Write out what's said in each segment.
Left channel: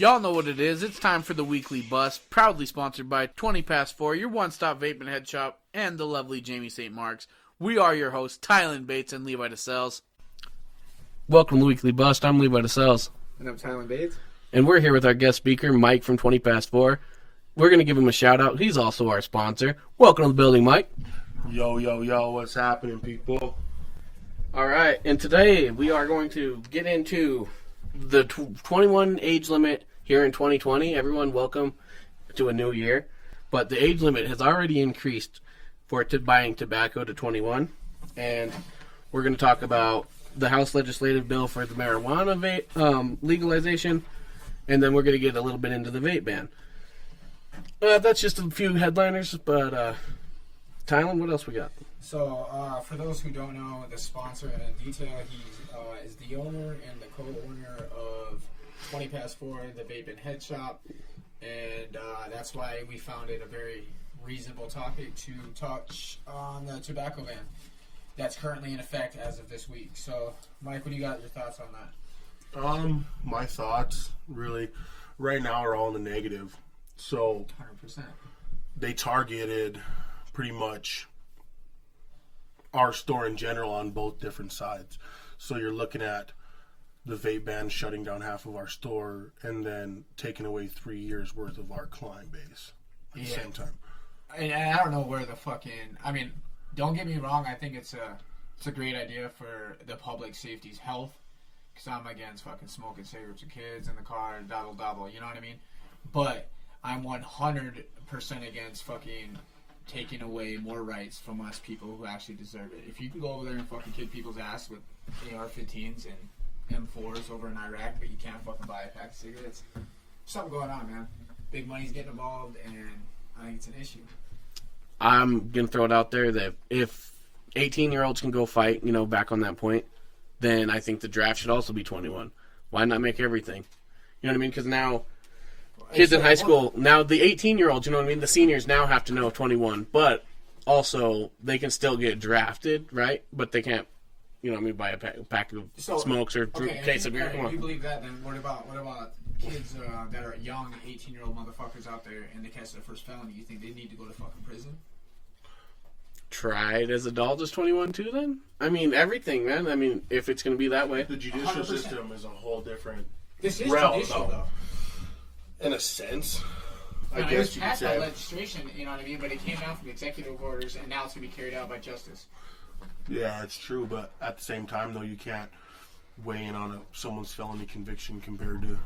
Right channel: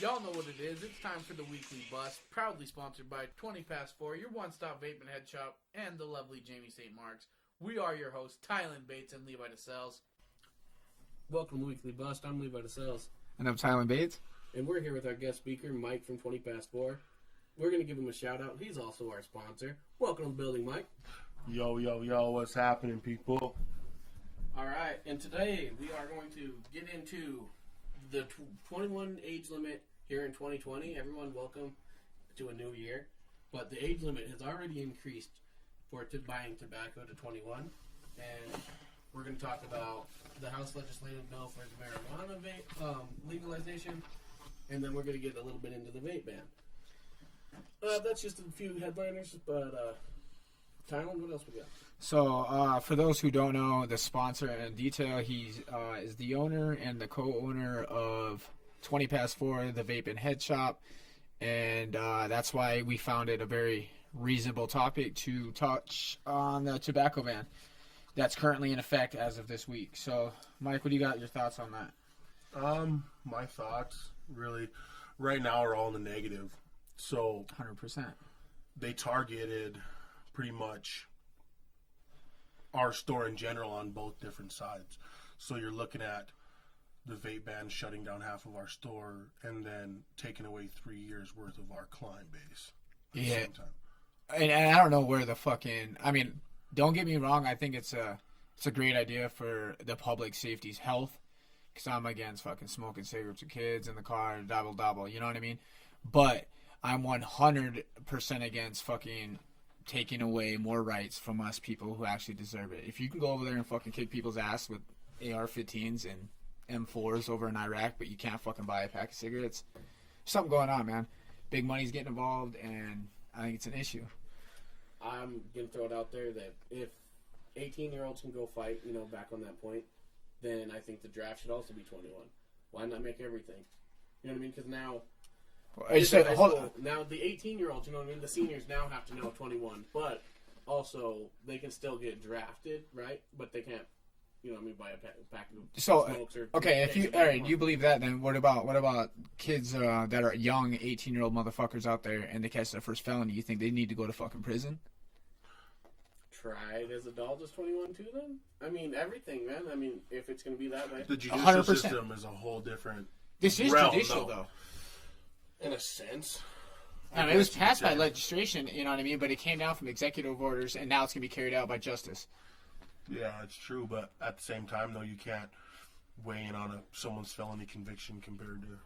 Y'all know what it is. It's time for the Weekly Bust, proudly sponsored by 20 Past 4, your one-stop vape and head shop, and the lovely Jamie St. Mark's. We are your hosts, Tylen Bates and Levi DeSales. Welcome to the Weekly Bust. I'm Levi DeSales. And I'm Tylen Bates. And we're here with our guest speaker, Mike from 20 Past 4. We're going to give him a shout-out. He's also our sponsor. Welcome to the building, Mike. Yo, what's happening, people? All right, and today we are going to get into the 21 age limit here in 2020. Everyone, welcome to a new year. But the age limit has already increased for buying tobacco to 21. And we're going to talk about the House legislative bill for the marijuana legalization. And then we're going to get a little bit into the vape ban. That's just a few headliners, but Tylen, what else we got? So, for those who don't know, the sponsor in detail, he is the owner and the co-owner of 20 Past 4, the Vape and Head Shop, and that's why we found it a very reasonable topic to touch on the tobacco ban that's currently in effect as of this week. So, Mike, what do you got your thoughts on that? My thoughts, really, right now are all in the negative. So, 100%. They targeted pretty much our store in general on both different sides. So you're looking at the vape ban shutting down half of our store and then taking away 3 years worth of our client base at the same time. And I don't know where the fucking... I mean, don't get me wrong. I think it's a great idea for the public safety's health. Because I'm against fucking smoking cigarettes with kids in the car and double. You know what I mean? But I'm 100% against fucking taking away more rights from us people who actually deserve it. If you can go over there and fucking kick people's ass with AR-15s and M4s over in Iraq, but you can't fucking buy a pack of cigarettes, something going on, man. Big money's getting involved, and I think it's an issue. I'm going to throw it out there that if 18-year-olds can go fight, back on that point, then I think the draft should also be 21. Why not make everything? You know what I mean? Because now... kids in high school, now the 18-year-olds, the seniors now have to know 21, but also they can still get drafted, right? But they can't, buy a pack of smokes or case of Aaron, you believe that, then what about kids that are young 18-year-old motherfuckers out there and they catch their first felony? You think they need to go to fucking prison? Tried as adults as 21 too, then? I mean, everything, man. I mean, if it's going to be that way. The judicial 100%. System is a whole different This is realm, judicial, though. In a sense. It was passed by legislation, you know what I mean? But it came down from executive orders, and now it's going to be carried out by justice. Yeah, it's true, but at the same time, though, you can't weigh in on someone's felony conviction compared to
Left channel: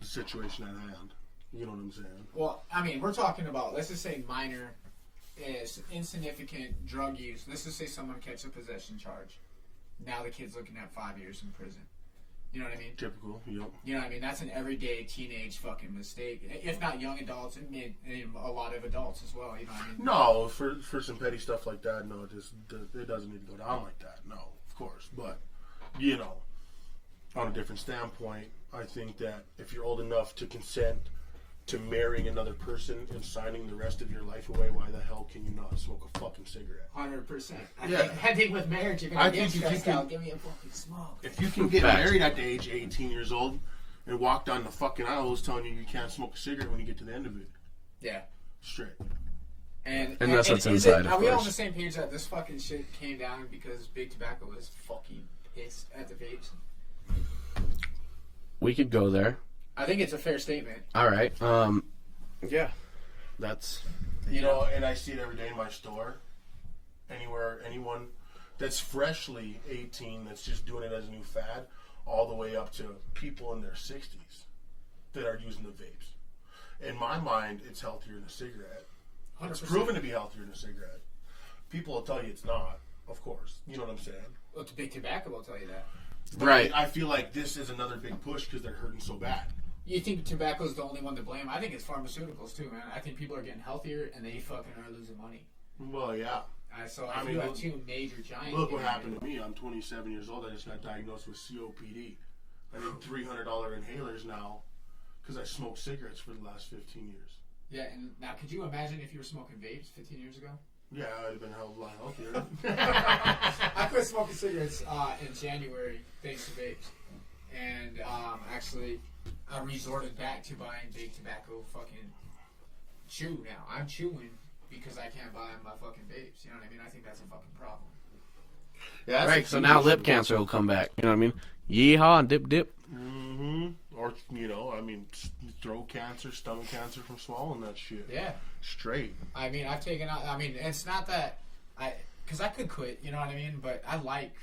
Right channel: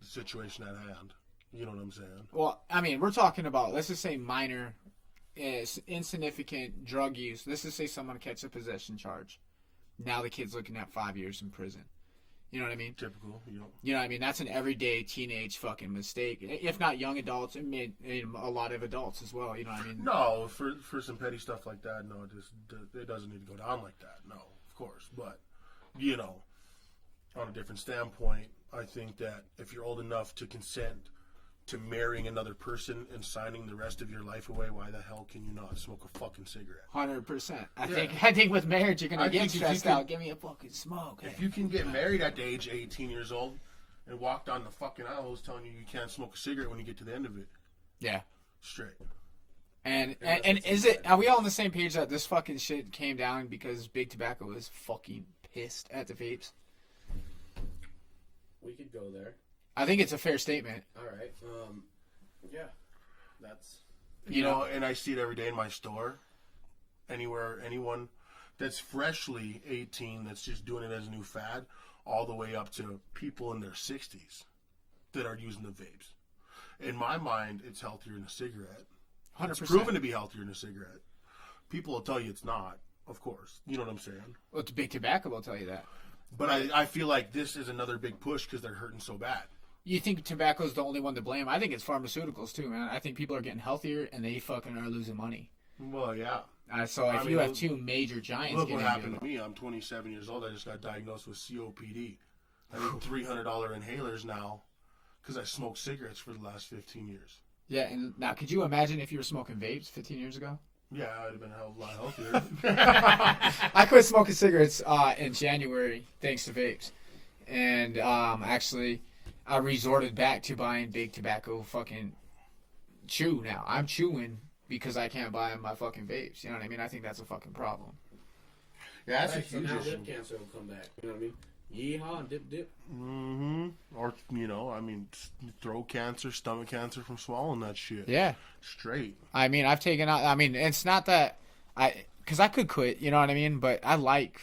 the situation at hand. You know what I'm saying? Well, I mean, we're talking about, let's just say minor, insignificant drug use. Let's just say someone catches a possession charge. Now the kid's looking at 5 years in prison. You know what I mean? Typical, yep. You know what I mean? That's an everyday teenage fucking mistake. If not young adults, and a lot of adults as well. You know what I mean? No, for some petty stuff like that, no, it doesn't need to go down like that. No, of course. But, on a different standpoint, I think that if you're old enough to consent to marrying another person and signing the rest of your life away, why the hell can you not smoke a fucking cigarette? 100%. I think with marriage, you're going to get stressed out. Give me a fucking smoke. If you can get married at the age of 18 years old and walk down the fucking aisle who's telling you can't smoke a cigarette when you get to the end of it. Yeah. Straight. And are we all on the same page that this fucking shit came down because Big Tobacco was fucking pissed at the vapes? We could go there. I think it's a fair statement. All right. Yeah. That's... and I see it every day in my store. Anyone that's freshly 18 that's just doing it as a new fad, all the way up to people in their 60s that are using the vapes. In my mind, it's healthier than a cigarette. 100%. It's proven to be healthier than a cigarette. People will tell you it's not, of course. You know what I'm saying? Well, it's Big Tobacco will tell you that. But right. I feel like this is another big push because they're hurting so bad. You think tobacco is the only one to blame? I think it's pharmaceuticals too, man. I think people are getting healthier and they fucking are losing money. Well, yeah. So if you have two major giants... Look what happened to me. I'm 27 years old. I just got diagnosed with COPD. I need $300 inhalers now because I smoked cigarettes for the last 15 years. Yeah, and now could you imagine if you were smoking vapes 15 years ago? Yeah, I'd have been a hell of a lot healthier. I quit smoking cigarettes in January thanks to vapes. And actually... I resorted back to buying big tobacco fucking chew now. I'm chewing because I can't buy my fucking vapes. You know what I mean? I think that's a fucking problem. Yeah, that's Right, so now lip cancer will come back. You know what I mean? Yeehaw and dip dip. Mm-hmm. Or, I mean, throat cancer, stomach cancer from swallowing that shit. Yeah. Straight. I mean, I've taken out. I mean, it's not that because I could quit. You know what I mean? But I like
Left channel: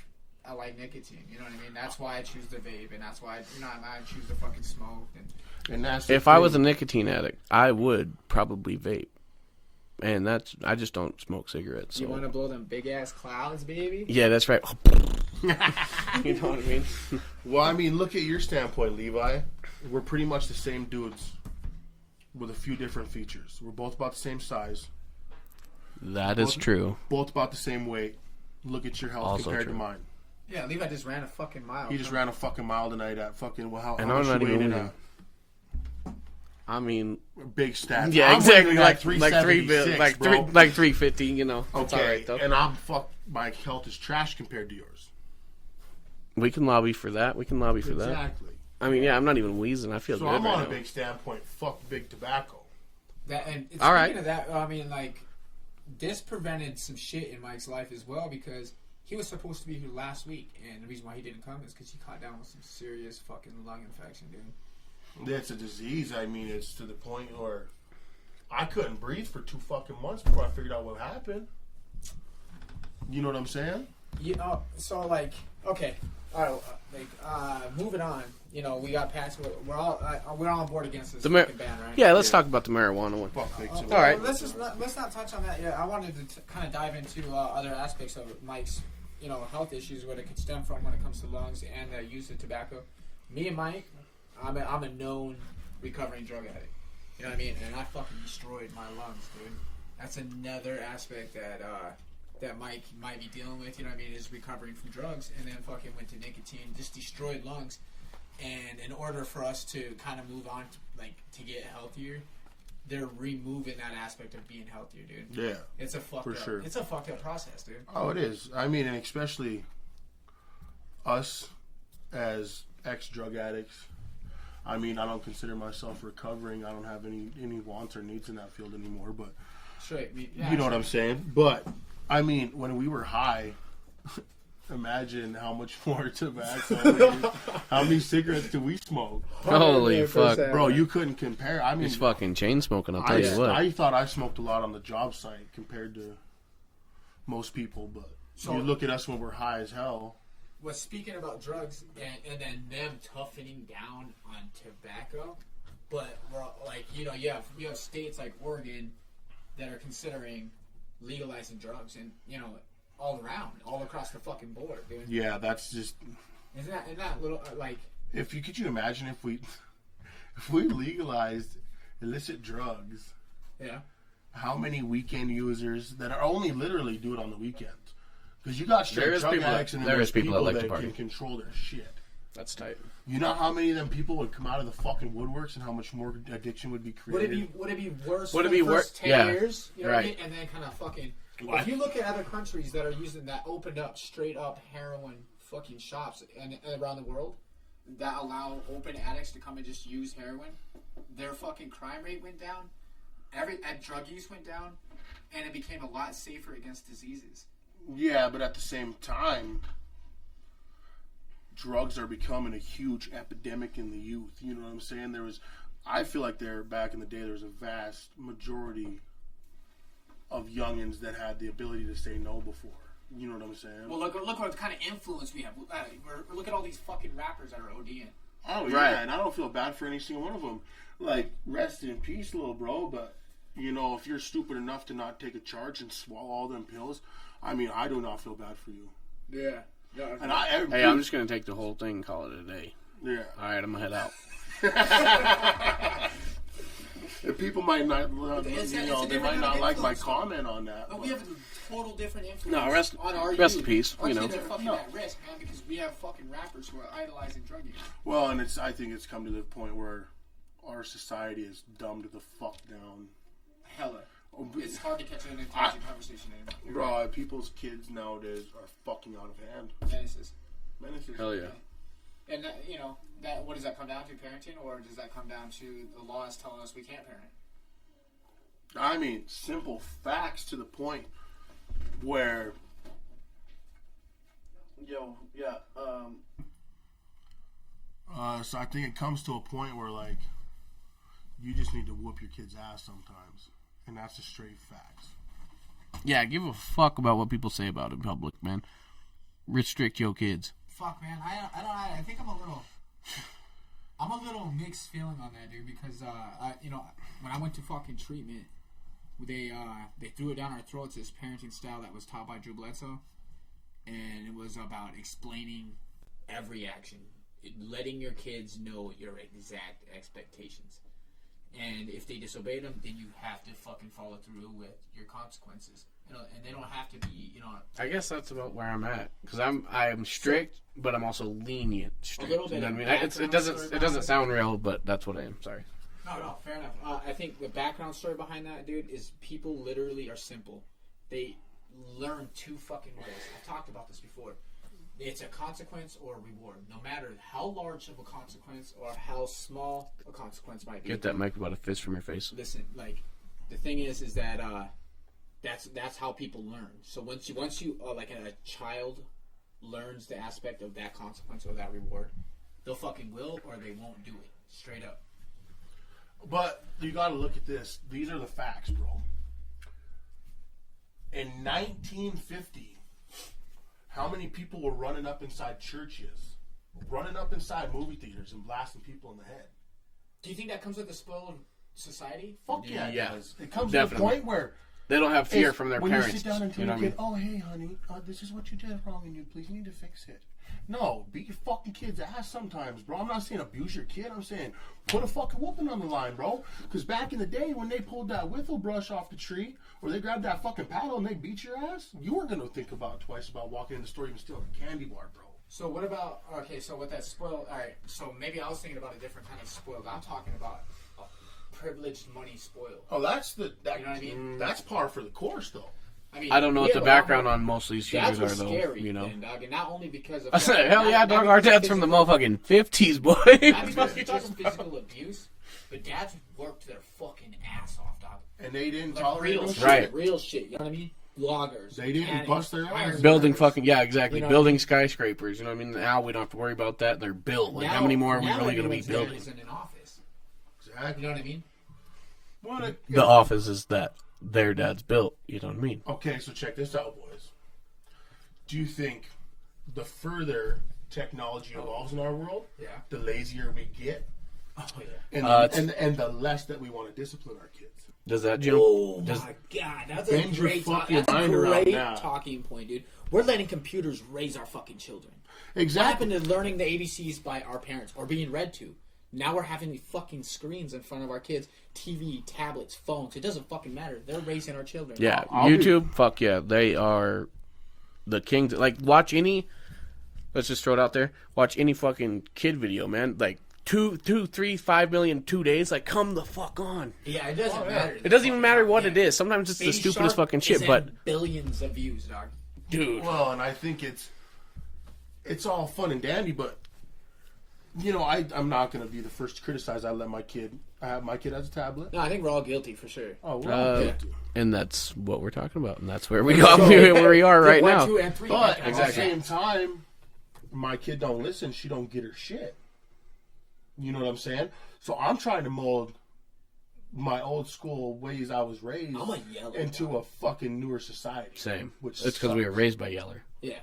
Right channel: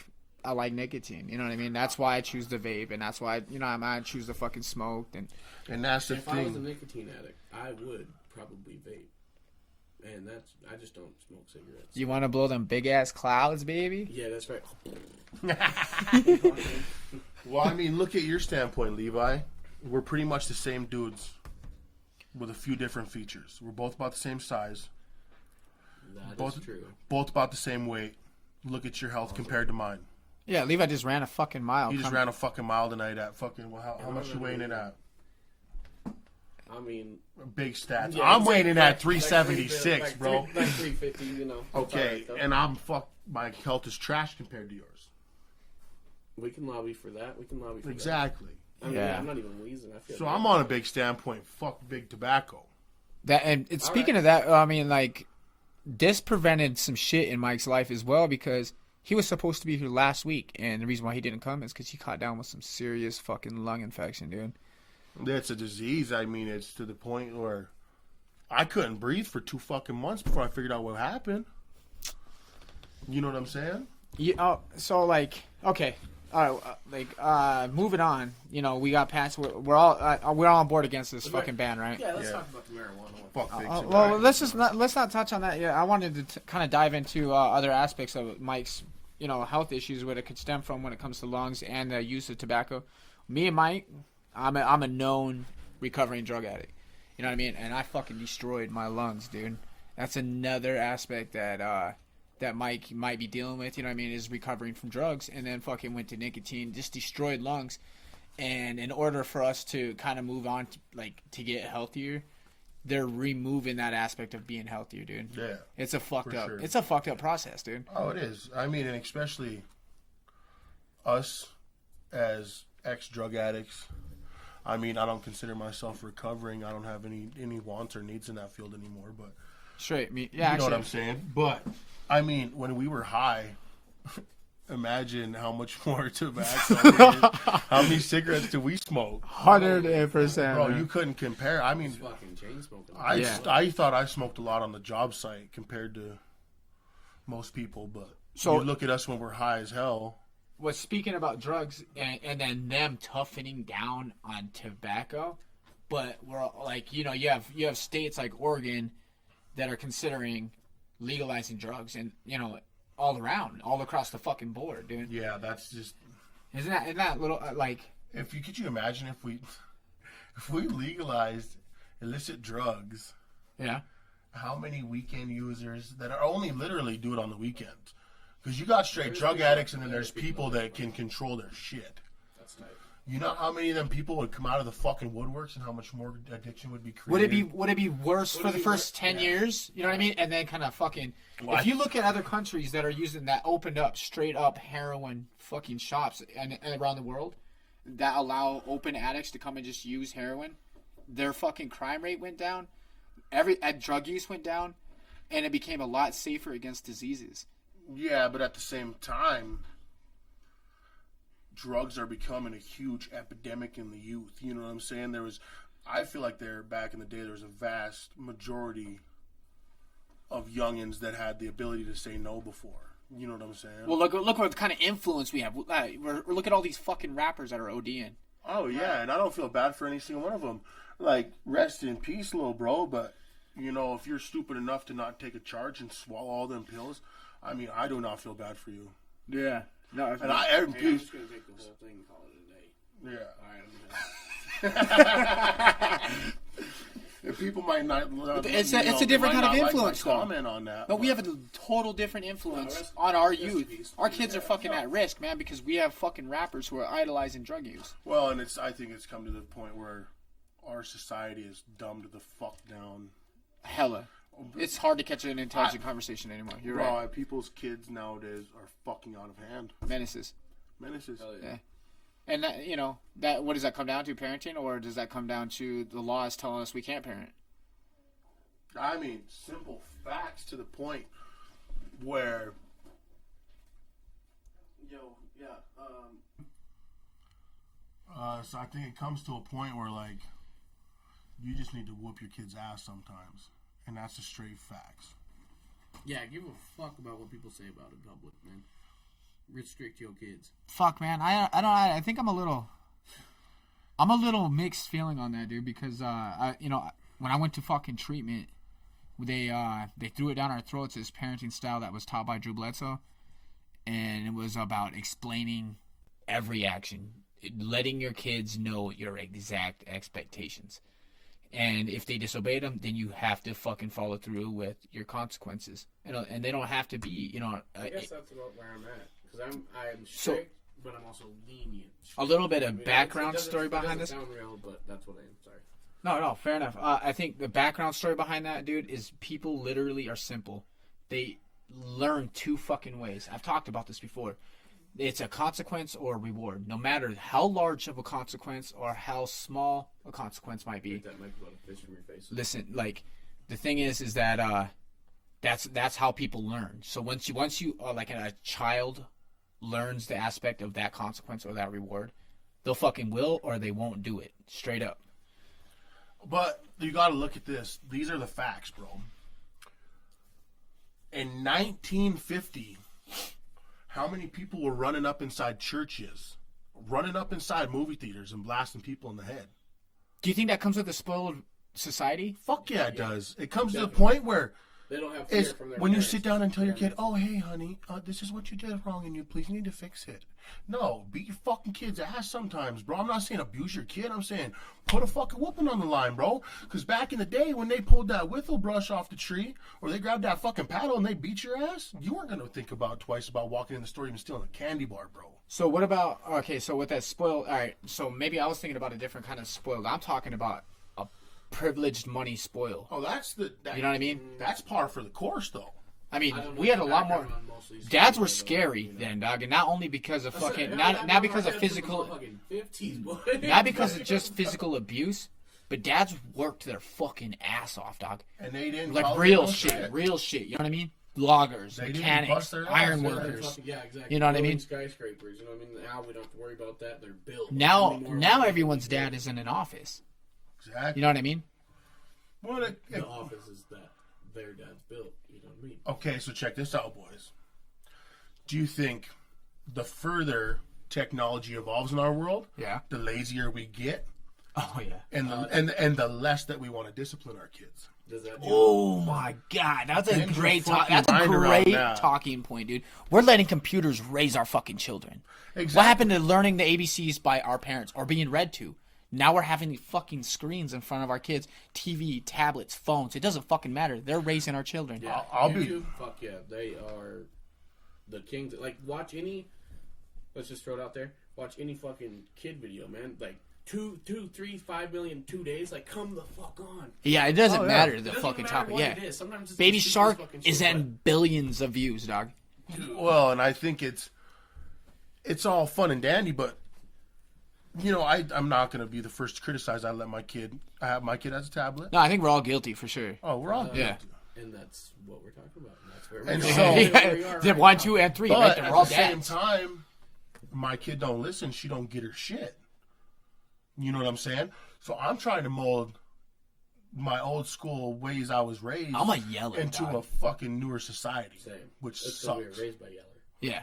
nicotine. You know what I mean? That's why I choose the vape, and that's why I choose the fucking smoke. And that's If I was a nicotine addict, I would probably vape. And I just don't smoke cigarettes. So. You want to blow them big ass clouds, baby? Yeah, that's right. You know what I mean? Well, I mean, look at your standpoint, Levi. We're pretty much the same dudes with a few different features. We're both about the same size. That is true. Both about the same weight. Look at your health Also compared true. to mine. Yeah, Levi just ran a fucking mile. He just ran a fucking mile tonight at fucking, well, how And much I'm you not weighing even in weighing. at? I mean, Big stats. yeah, I'm exactly. weighing in at 376, bro. Like 350, you know. It's Okay, all right, though. and my health is trash compared to yours. We can lobby for that. That. Exactly. I mean, yeah, I'm not even wheezing. I feel So good I'm right on a now. big standpoint. Fuck big tobacco. And All speaking right. of that, I mean, like, this prevented some shit in Mike's life as well because he was supposed to be here last week, and the reason why he didn't come is because he caught down with some serious fucking lung infection, dude. It's a disease. I mean, it's to the point where I couldn't breathe for 2 fucking months before I figured out what happened. You know what I'm saying? Yeah. So like, okay, all right, moving on. You know, we got past. We're all on board against this fucking ban, right? Yeah, let's Yeah. talk about the marijuana one. Fuck big Well, tobacco. right. let's not touch on that yet. I wanted to kind of dive into other aspects of Mike's, health issues, what it could stem from when it comes to lungs and the use of tobacco. Me and Mike, I'm a known recovering drug addict. You know what I mean? And I fucking destroyed my lungs, dude. That's another aspect that Mike might be dealing with. You know what I mean? Is recovering from drugs and then fucking went to nicotine, just destroyed lungs. And in order for us to kind of move on to get healthier, they're removing that aspect of being healthier, dude. Yeah. It's a fucked up. sure. It's a fucked up process, dude. Oh, it is. I mean, and especially us as ex-drug addicts. I mean, I don't consider myself recovering. I don't have any wants or needs in that field anymore. But Straight. Yeah, you know actually, what I'm saying? But, I mean, when we were high, imagine how much more tobacco, how many cigarettes do we smoke? Holy fuck. Bro, you couldn't compare. I mean, He's fucking chain smoking, I'll tell you what. I thought I smoked a lot on the job site compared to most people. But So- you look at us when we're high as hell. was speaking about drugs and then them toughening down on tobacco, but we're like, you have states like Oregon that are considering legalizing drugs, and all across the fucking board, dude. Yeah, that's just... Isn't that little like? Could you imagine if we legalized illicit drugs, Yeah. how many weekend users that are only literally do it on the weekends? Because you got straight There is drug people- addicts and there there's is people people that like that to party. can control their shit. That's tight. You know how many of them people would come out of the fucking woodworks and how much more addiction would be created? Would it be worse Would for it the be first 10 yeah. years? You know what I Right. mean? And then kind of fucking. Well, If you look at other countries that are using that opened up straight up heroin fucking shops and around the world that allow open addicts to come and just use heroin, their fucking crime rate went down, drug use went down, and it became a lot safer against diseases. Yeah, but at the same time, drugs are becoming a huge epidemic in the youth. You know what I'm saying? I feel like back in the day, there was a vast majority of youngins that had the ability to say no before. You know what I'm saying? Well, look what kind of influence we have. Look at all these fucking rappers that are ODing. Oh, yeah, Right. and I don't feel bad for any single one of them. Like, rest in peace, little bro, but, if you're stupid enough to not take a charge and swallow all them pills, I mean, I do not feel bad for you. Yeah. No, And Hey, I'm just going to take the whole thing and call it a day. yeah. All right, I'm going to head out. If people might not, It's a they different might kind of not influence, Like my though. comment on that, But we have a total different influence No, rest on our in youth. peace, Our you know. kids are fucking No. at risk, man, because we have fucking rappers who are idolizing drug use. Well, and I think it's come to the point where our society is dumbed the fuck down. Hella. It's hard to catch an intelligent conversation anymore. You're Bro, right. people's kids nowadays are fucking out of hand. Menaces. Menaces. Hell yeah. Yeah. And that, you know, that what does that come down to? Parenting, or does that come down to the laws telling us we can't parent? I mean, simple facts to the point where, so I think it comes to a point where, like, you just need to whoop your kid's ass sometimes, and that's the straight facts. Yeah, give a fuck about what people say about it in public, man. Restrict your kids. Fuck, man. I think I'm a little mixed feeling on that, dude. Because when I went to fucking treatment, they threw it down our throats as parenting style that was taught by Drew Bledsoe, and it was about explaining every action, letting your kids know your exact expectations. And if they disobey them, then you have to fucking follow through with your consequences. And they don't have to be, I guess that's about where I'm at. Because I'm strict, but I'm also lenient. A little bit of background story behind it doesn't this. sound real, but that's what I am. Sorry. No, fair enough. I think the background story behind that, dude, is people literally are simple. They learn two fucking ways. I've talked about this before. It's a consequence or a reward. No matter how large of a consequence or how small a consequence might be. Get that mic about a fist from your face. Listen, like, the thing is that that's how people learn. So once you like a child learns the aspect of that consequence or that reward, they'll fucking will or they won't do it. Straight up. But you got to look at this. These are the facts, bro. In 1950, how many people were running up inside churches, running up inside movie theaters and blasting people in the head? Do you think that comes with a spoiled society? Fuck yeah, it does. It comes Definitely. to the point where They don't have fear from their when parents. you sit down and tell You your know what kid, "Oh, hey, honey, this is what you did wrong, and you please need to fix it." No, beat your fucking kid's ass sometimes, bro. I'm not saying abuse your kid. I'm saying put a fucking whooping on the line, bro. Because back in the day when they pulled that whittle brush off the tree, or they grabbed that fucking paddle and they beat your ass, you weren't gonna think about twice about walking in the store even stealing a candy bar, bro. So what about, okay, so with that spoiled, all right, so maybe I was thinking about a different kind of spoiled. I'm talking about a privileged money spoil. Oh, that's You know what I mean? That's par for the course, though. I mean, I don't know we what had the a lot background more- on most of these Dads shootings were are, though, scary you know. then, dog, and not only because of I said, fucking- hell not- yeah, not dog. Our because of dad's from the physical- motherfucking 50s, boy. Not because of just physical abuse, but dads worked their fucking ass off, dog. And they didn't Like tolerate real no shit, shit. Right. real shit. You know what I mean? Loggers, They didn't mechanics, bust their ass. iron Building workers. fucking, yeah, exactly. You know what I Building mean? skyscrapers, you know what I mean? Now we don't have to worry about that. They're built. Like, Now, how many more now are we gonna be everyone's dad building? is in an office. Exactly. You know what I mean? The office is that their dad's built. You know what I mean? Okay, so check this out, boys. Do you think the further technology evolves in our world, Yeah. the lazier we get, Oh yeah. and the less that we want to discipline our kids? Does that jump? Oh my god, that's a Bend your great fucking that's a mind around great that. talking point, dude. We're letting computers raise our fucking children. Exactly. What happened to learning the ABCs by our parents or being read to? Now we're having these fucking screens in front of our kids, TV, tablets, phones. It doesn't fucking matter. They're raising our children. Yeah, I'll be- YouTube, fuck yeah. They are the kings. Like, watch any, let's just throw it out there. Watch any fucking kid video, man. Like, 2, 3, 5 million, 2 days. Like, come the fuck on. Yeah, it doesn't matter. It doesn't even matter what it is. Sometimes it's Baby the stupidest Shark fucking is shit, at but billions of views, dog. dude. Well, and I think it's all fun and dandy, but you know, I'm not gonna be the first to criticize. I have my kid has a tablet. No, I think we're all guilty for sure. Oh, we're all yeah. guilty. And that's what we're talking about, and that's where we And got so- where we are Like right 1, now. 2, and 3. But right there. at All the same dads. time, my kid don't listen. She don't get her shit. You know what I'm saying? So I'm trying to mold my old school ways I was raised I'm a yeller, into dog. a fucking newer society. Same. Which It's because we were sucks. raised by Yeller. Yeah.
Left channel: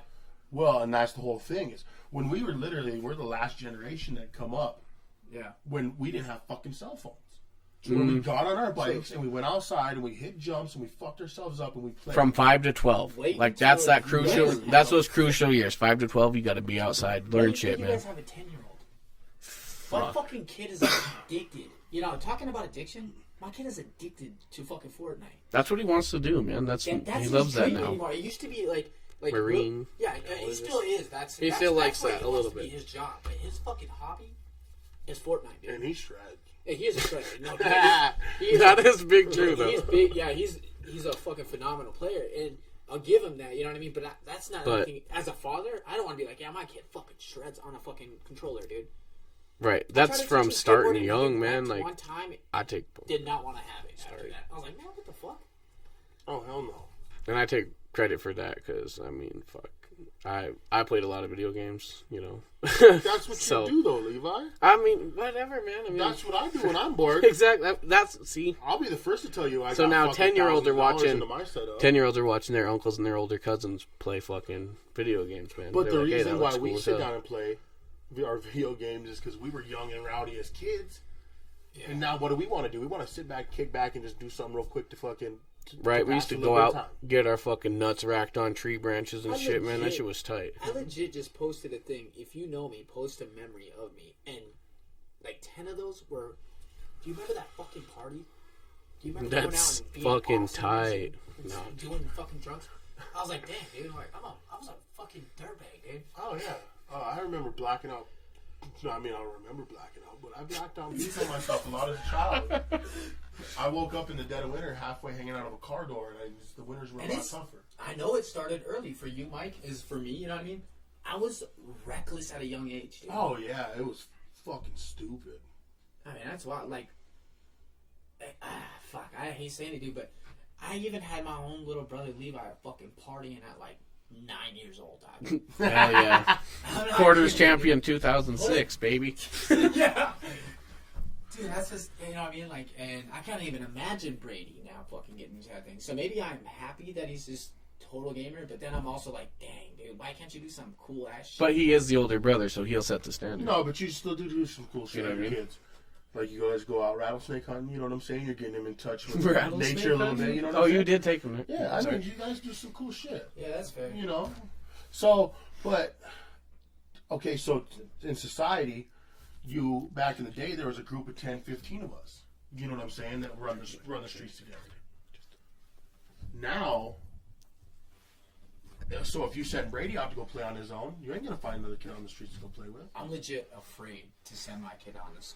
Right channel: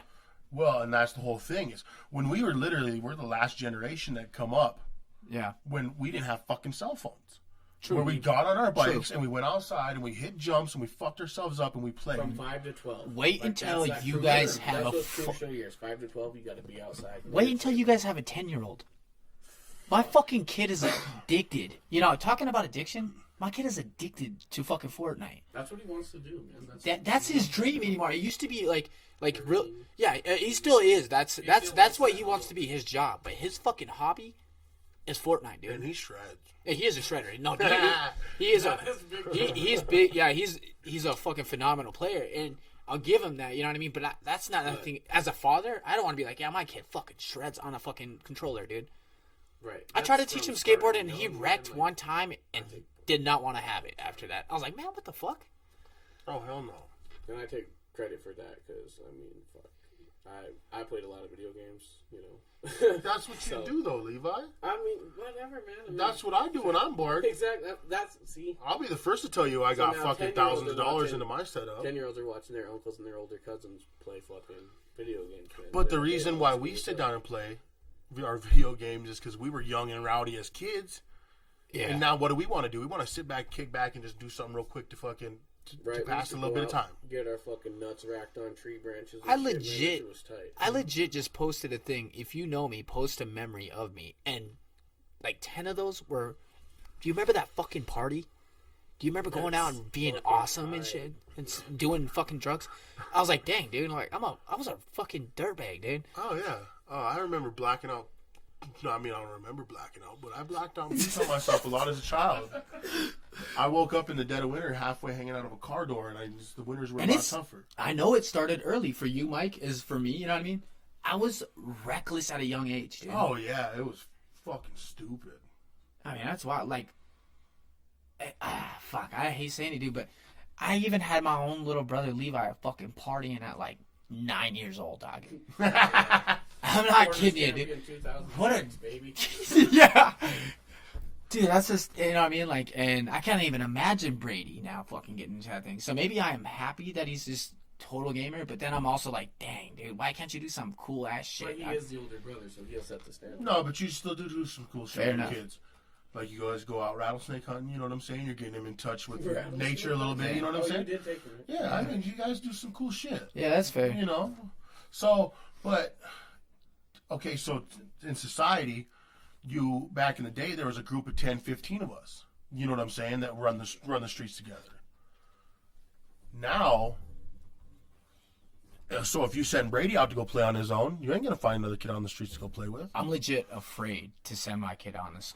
Well, and that's the whole thing is when we're the last generation that come up Yeah. when we didn't have fucking cell phones. When we got on our bikes True. and we went outside and we hit jumps and we fucked ourselves up and we played. From 5 to 12. Wait like until that's that you crucial. guys have That's a those crucial years. 5 to 12, you got to be outside. Wait Learn until shit, you man. guys have a 10-year-old. My fucking kid is addicted. You know, talking about addiction, my kid is addicted to fucking Fortnite. That's what he wants to do, man. That's That's he his loves that dream now. anymore. It used to be like Marine. yeah, he still is. That's He that's still likes what that he a wants little to be bit. his job. But his fucking hobby is Fortnite, dude. and he shreds. Yeah, he is a shredder. No, he is That is big too. he's big. Yeah, he's a fucking phenomenal player. And I'll give him that. You know what I mean? But that's not anything. As a father, I don't want to be like, yeah, my kid fucking shreds on a fucking controller, dude. Right. I tried That's to from teach him starting skateboarding, and young, he man. wrecked Like, one time. I take. Did not want to have it after that. I was like, man, what the fuck? Oh hell no. And I take credit for that because, I mean, fuck. I played a lot of video games, you know. That's what So- you do, though, Levi. I mean, whatever, man. I mean, That's what I do when I'm bored. exactly. See, I'll be the first to tell you I So got now fucking 10-year-olds are $1,000 watching- into my setup. 10-year-olds are watching their uncles and their older cousins play fucking video games, man. But They're the like, hey, reason that why looks we cool as sit hell. down and play our video games is because we were young and rowdy as kids. Yeah. And now what do we want to do? We want to sit back, kick back, and just do something real quick to fucking Right, we pass used to a little go bit out, of time. get our fucking nuts racked on tree branches and I shit, man. That legit- shit was tight. I legit just posted a thing. If you know me, post a memory of me. And like 10 of those were. Do you remember that fucking party? Do you remember going out That's and being fucking awesome and shit? tight. And doing fucking drugs? I was like, dang, dude. Like, I was a fucking dirtbag, dude. Oh, yeah. Oh, I remember blacking out. No, I mean, I don't remember blacking out, but I blacked out and beat on myself a lot as a child. I woke up in the dead of winter halfway hanging out of a car door, and the winters were a And lot it's- tougher. I know it started early for you, Mike, as for me, you know what I mean? I was reckless at a young age, dude. Oh, yeah. It was fucking stupid. I mean, that's why, like, fuck, I hate saying it, dude, but I even had my own little brother Levi fucking partying at like 9 years old, dog. Hell yeah. I'm not Quarters kidding, champion 2006, baby. dude. Yeah. Dude, that's just, you know what I mean? Like, and I can't even imagine Brady now fucking getting into that thing. So maybe I am happy that he's just total gamer, but then I'm also like, dang, dude, why can't you do some cool ass shit? But he is the older brother, so he'll set the standard. No, but you still do some cool shit Fair with your enough. kids. Like, you guys go out rattlesnake hunting, you know what I'm saying? You're getting them in touch with Rattlesnake nature a little hunting? bit, you know what Oh, I'm saying? you did take him. Yeah, I mean, you guys do some cool shit. Yeah, that's fair. You know? So, but, okay, so in society, back in the day, there was a group of 10, 15 of us. You know what I'm saying? That run the streets together. Now, so if you send Brady out to go play on his own, you ain't gonna find another kid on the streets to go play with. I'm legit afraid to send my kid on this.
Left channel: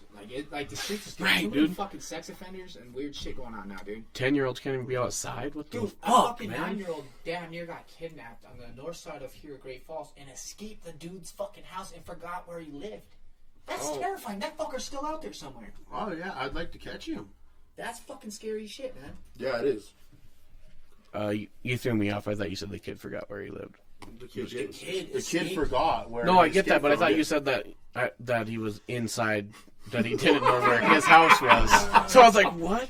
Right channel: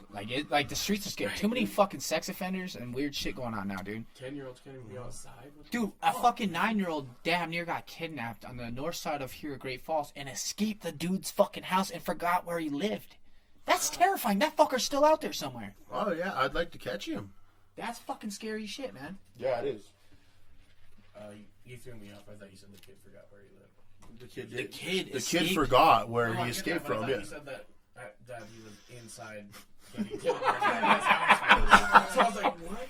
Like the streets is getting Right, too many dude. fucking sex offenders and weird shit going on now, dude. 10-year-olds can't even be outside. What the Dude, a fuck, fucking man? 9-year-old damn near got kidnapped on the north side of here at Great Falls and escaped the dude's fucking house and forgot where he lived. That's terrifying. That fucker's still out there somewhere. Oh yeah, I'd like to catch him. That's fucking scary as shit, man. Yeah, it is. You threw me off. I thought you said the kid forgot where he lived. The kid, The kid the escaped. kid forgot where. No, he I get that, escaped but I from, thought yeah. you said that he was inside, that he didn't know where his house was. So I was like, what?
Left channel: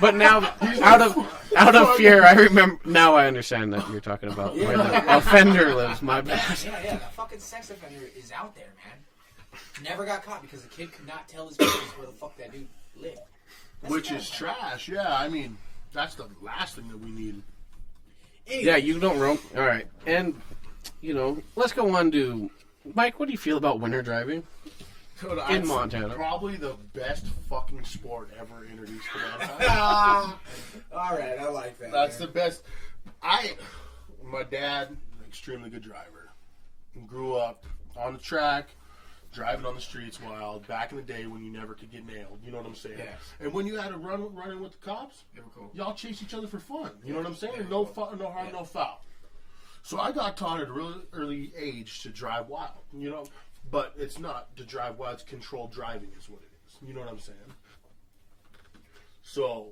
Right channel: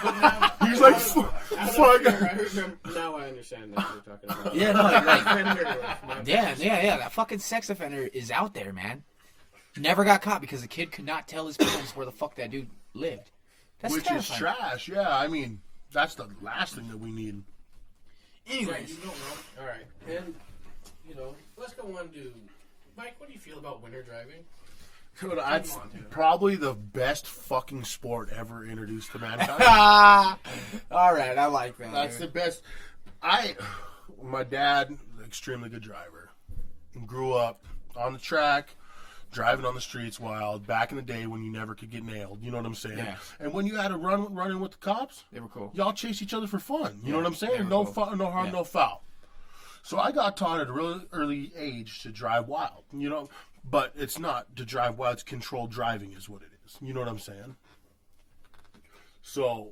But now, out of fear, I remember. Now I understand that you're talking about where the offender lives. My bad. Yeah. That fucking sex offender is out there, man. Never got caught because the kid could not tell his parents where the fuck that dude lived. That's Which is terrifying. trash. Yeah, I mean, that's the last thing that we need. Yeah, you don't roam. All right, and let's go on to Mike. What do you feel about winter driving? In Montana. Probably the best fucking sport ever introduced to mankind. All right, I like that. That's the best. My dad, extremely good driver, grew up on the track, driving on the streets wild. Back in the day when you never could get nailed, you know what I'm saying? Yeah. And when you had to run in with the cops, They were cool. y'all chase each other for fun. You know what I'm they saying? were No cool. no harm, Yeah. no foul. So I got taught at a really early age to drive wild. But it's not to drive wild. It's controlled driving is what it is. You know what I'm saying? So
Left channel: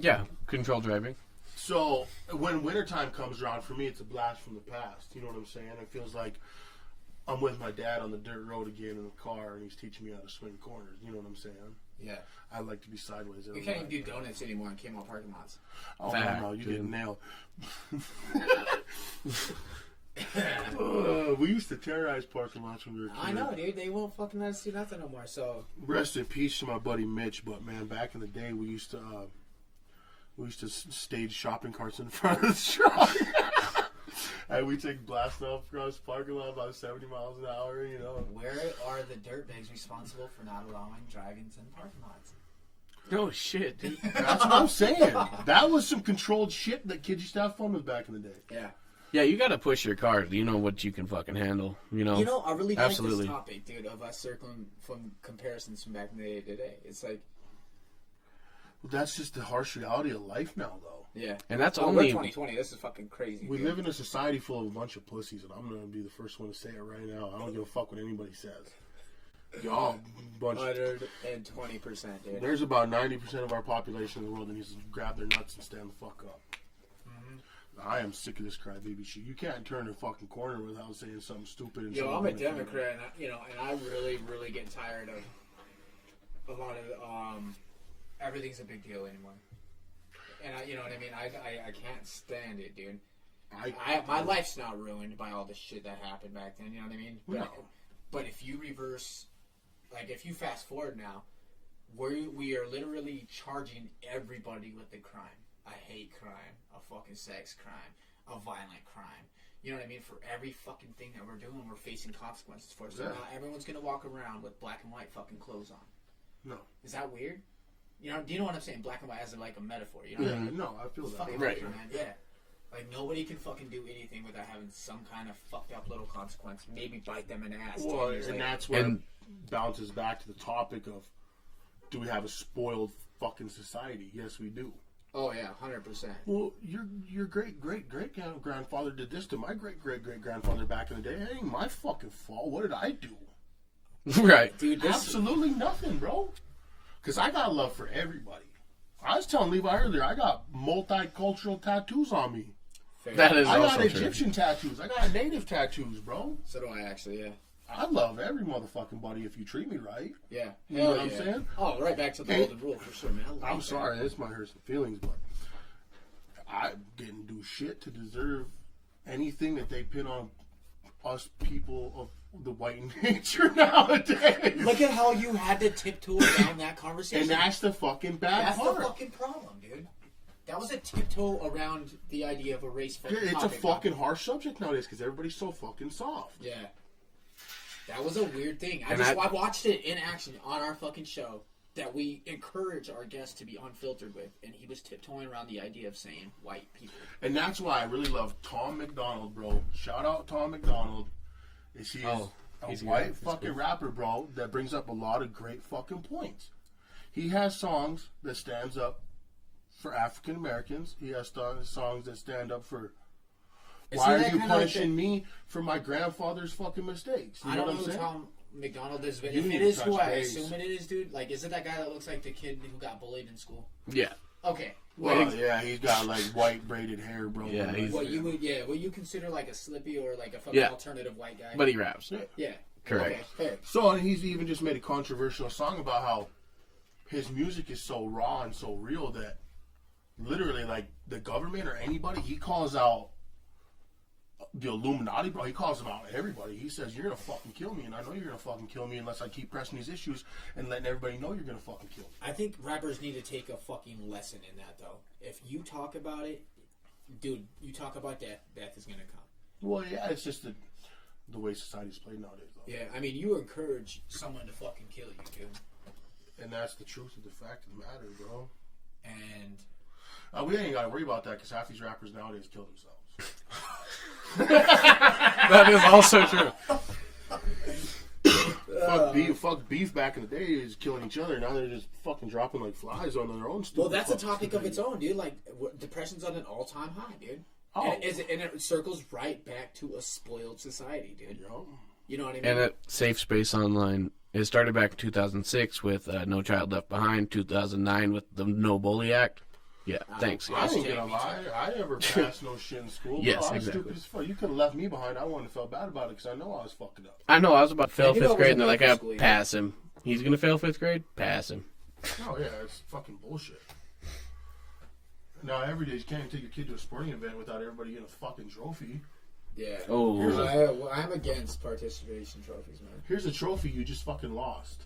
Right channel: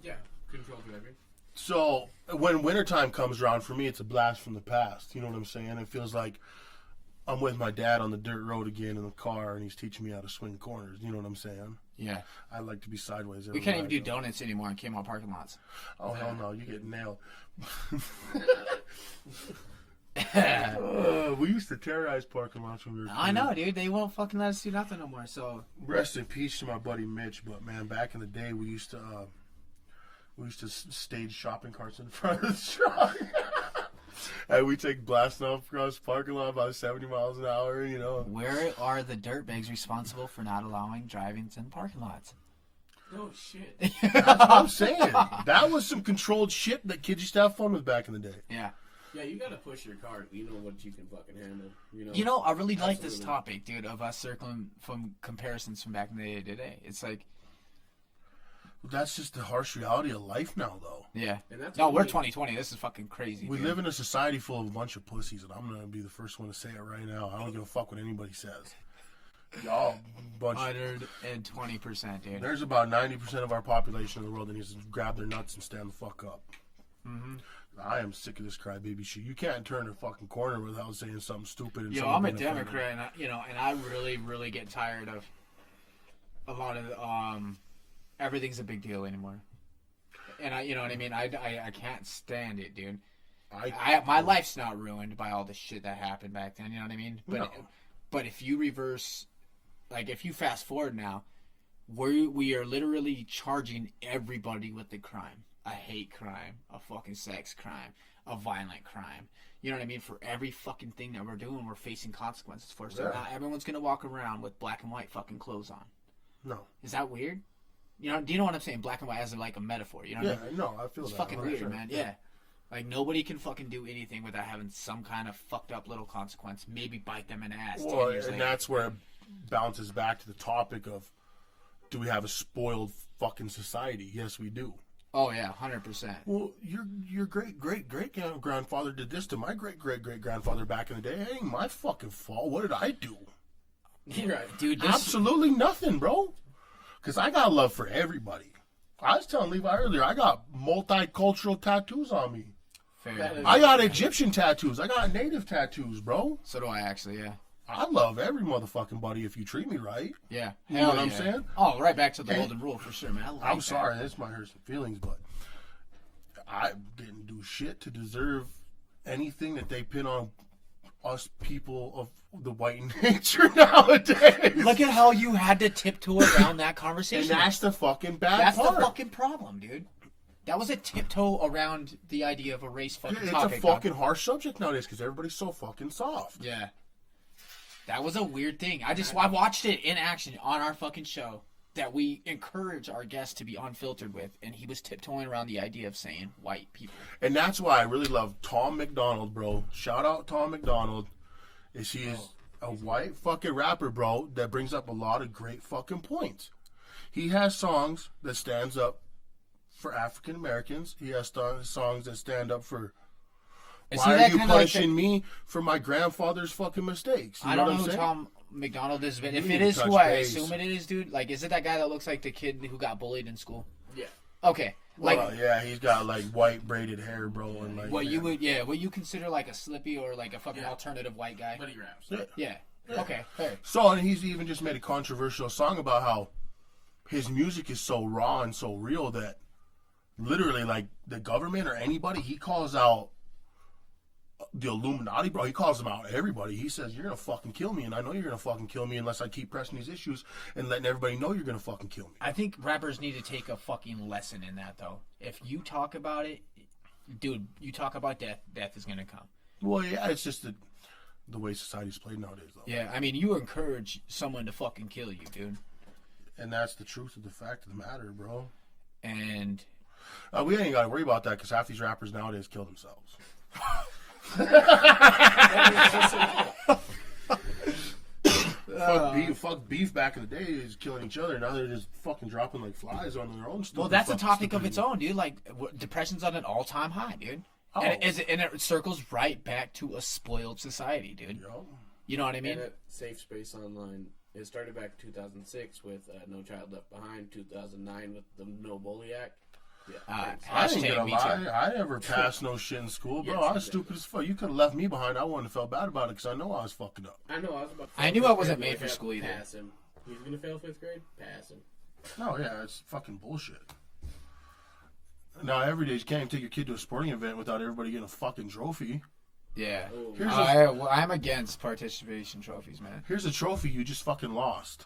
Yeah, control driving. So when wintertime comes around, for me, it's a blast from the past. You know what I'm saying? It feels like I'm with my dad on the dirt road again in the car, and he's teaching me how to swing corners. You know what I'm saying? Yeah. I like to be sideways. We can't even do donuts anymore in Kmart parking lots. Oh, Fact, no, you dude. get nailed. We used to terrorize parking lots when we were kids. I know, dude. They won't fucking let us do nothing no more. So Rest in peace to my buddy Mitch, but man, back in the day, we used to stage shopping carts in front of the truck. And we take blasting off across the parking lot about 70 miles an hour, where are the dirtbags responsible for not allowing drive-ins in parking lots? Oh shit. That's what I'm saying. That was some controlled shit that kids used to have fun with back in the day. Yeah. Yeah, you got to push your car. You know what you can fucking handle. I really like Absolutely. this topic, dude, of us circling from comparisons from back in the day to today. It's like, That's just the harsh reality of life now, though. Yeah. And that's Oh, we're only 2020. This is fucking crazy. We dude. live in a society full of a bunch of pussies, and I'm gonna be the first one to say it right now. I don't give a fuck what anybody says. Y'all, bunch. 120%, dude. There's about 90% of our population in the world that needs to grab their nuts and stand the fuck up. Mm-hmm. I am sick of this crybaby shit. You can't turn a fucking corner without saying something stupid. And Yo, someone I'm a being offended. Democrat, and I really, really get tired of a lot of everything's a big deal anymore. And you know what I mean. I can't stand it, dude. My life's not ruined by all the shit that happened back then. You know what I mean? But if you reverse, like if you fast forward now, we are literally charging everybody with the crime. A hate crime, a fucking sex crime, a violent crime. You know what I mean? For every fucking thing that we're doing, we're facing consequences for. So not everyone's gonna walk around with black and white fucking clothes on. No. Is that weird? You know? Do you know what I'm saying? Black and white as like a metaphor. You know? What I mean? No, I feel It's that. fucking weird, man. Yeah. Like nobody can fucking do anything without having some kind of fucked up little consequence. Maybe bite them in the ass. Well, 10 years and later. that's where it bounces back to the topic of, do we have a spoiled fucking society? Yes, we do. Oh yeah, 100%. Well, your great grandfather did this to my great grandfather back in the day. It ain't my fucking fault. What did I do? right. Dude, Absolutely nothing, bro. Because I got love for everybody. I was telling Levi earlier, I got multicultural tattoos on me. That is I got also Egyptian tattoos. I got native tattoos, bro. So do I actually, yeah. I love every motherfucking buddy if you treat me right. Yeah. You know Hell what I'm yeah. saying? Oh, right back to the Hey, golden rule for sure, man. I like I'm that. sorry, this might hurt some feelings, but I didn't do shit to deserve anything that they pin on us people of the white nature nowadays. Look at how you had to tiptoe around that conversation. And that's the fucking bad That's part. the fucking problem, dude. That was a tiptoe around the idea of a race fucking It's topic. a fucking harsh subject nowadays because everybody's so fucking soft. Yeah. That was a weird thing. I And I watched it in action on our fucking show that we encourage our guests to be unfiltered with, and he was tiptoeing around the idea of saying white people. And that's why I really love Tom McDonald, bro. Shout out Tom McDonald. He's a white fucking rapper, bro, that brings up a lot of great fucking points. He has songs that stands up for African Americans. He has songs that stand up for why are you punishing me for my grandfather's fucking mistakes? You I know don't what know I'm who saying? Tom McDonald is, but You if need it to is who touch I base. assume it is, dude, like, is it that guy that looks like the kid who got bullied in school? Yeah. Okay. Well, Like, yeah, he's got like white braided hair, bro. Yeah, Like, what you consider like a Slippy or like a fucking Yeah. alternative white guy? But he raps. Yeah. Correct. Okay, fair. So, and he's even just made a controversial song about how his music is so raw and so real that literally, like, the government or anybody, he calls out the Illuminati, bro. He calls them out everybody. He says, you're going to fucking kill me, and I know you're going to fucking kill me unless I keep pressing these issues and letting everybody know you're going to fucking kill me. I think rappers need to take a fucking lesson in that, though. If you talk about it, dude, you talk about death, death is going to come. Well, yeah, it's just the way society's played nowadays, though. Yeah, I mean, you encourage someone to fucking kill you, dude. And that's the truth of the fact of the matter, bro. And We ain't got to worry about that because half these rappers nowadays kill themselves. That is also true. Fuck beef back in the day is killing each other. Now they're just fucking dropping like flies on their own stuff. well, that's a topic of its own, dude. Like, depression's on an all-time high, dude. Oh. And it circles right back to a spoiled society, dude. Yo. You know what I mean? And at Safe Space Online, it started back in 2006 with No Child Left Behind, 2009 with the No Bully Act. Yeah, thanks. I ain't Hashtag gonna me lie. too. I never passed no shit in school. Yes, Bro, I was exactly. stupid as fuck. You could have left me behind. I wouldn't have felt bad about it because I know I was fucking up. I know, I was about to fail I knew I 5th grade, wasn't and they're like, made for school, pass him. He's going to fail 5th grade? Pass him. No, yeah, it's fucking bullshit. Now, every day you can't take your kid to a sporting event without everybody getting a fucking trophy. Yeah. Oh, I'm against participation trophies, man. Here's a trophy you just fucking lost.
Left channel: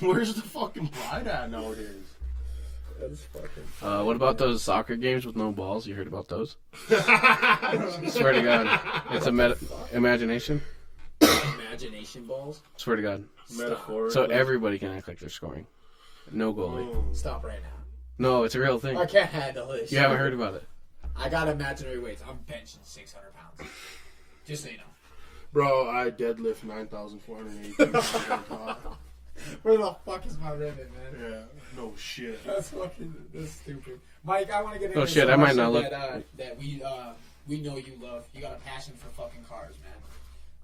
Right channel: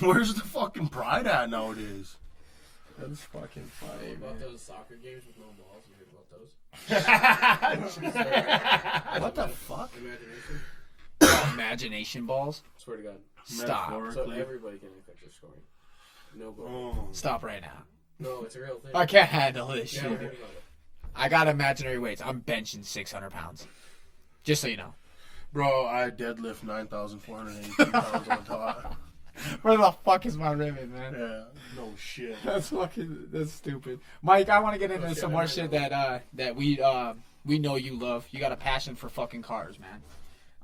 Where's the fucking pride at nowadays? That's fucking. what about those soccer games with no balls? You heard about those? Swear to God. It's imagination. Imagination balls? Swear to God. Stop. So everybody can act like they're scoring. No goalie. Stop right now. No, it's a real thing. I can't handle this. You haven't heard about it. I got imaginary weights. I'm benching 600 pounds. Just so you know. Bro, I deadlift 9,418 pounds on top. Where the fuck is my ribbon, man? Yeah, no shit. That's stupid. Mike, I want to get into shit, some I more might shit not look. that we know you love. You got a passion for fucking cars, man.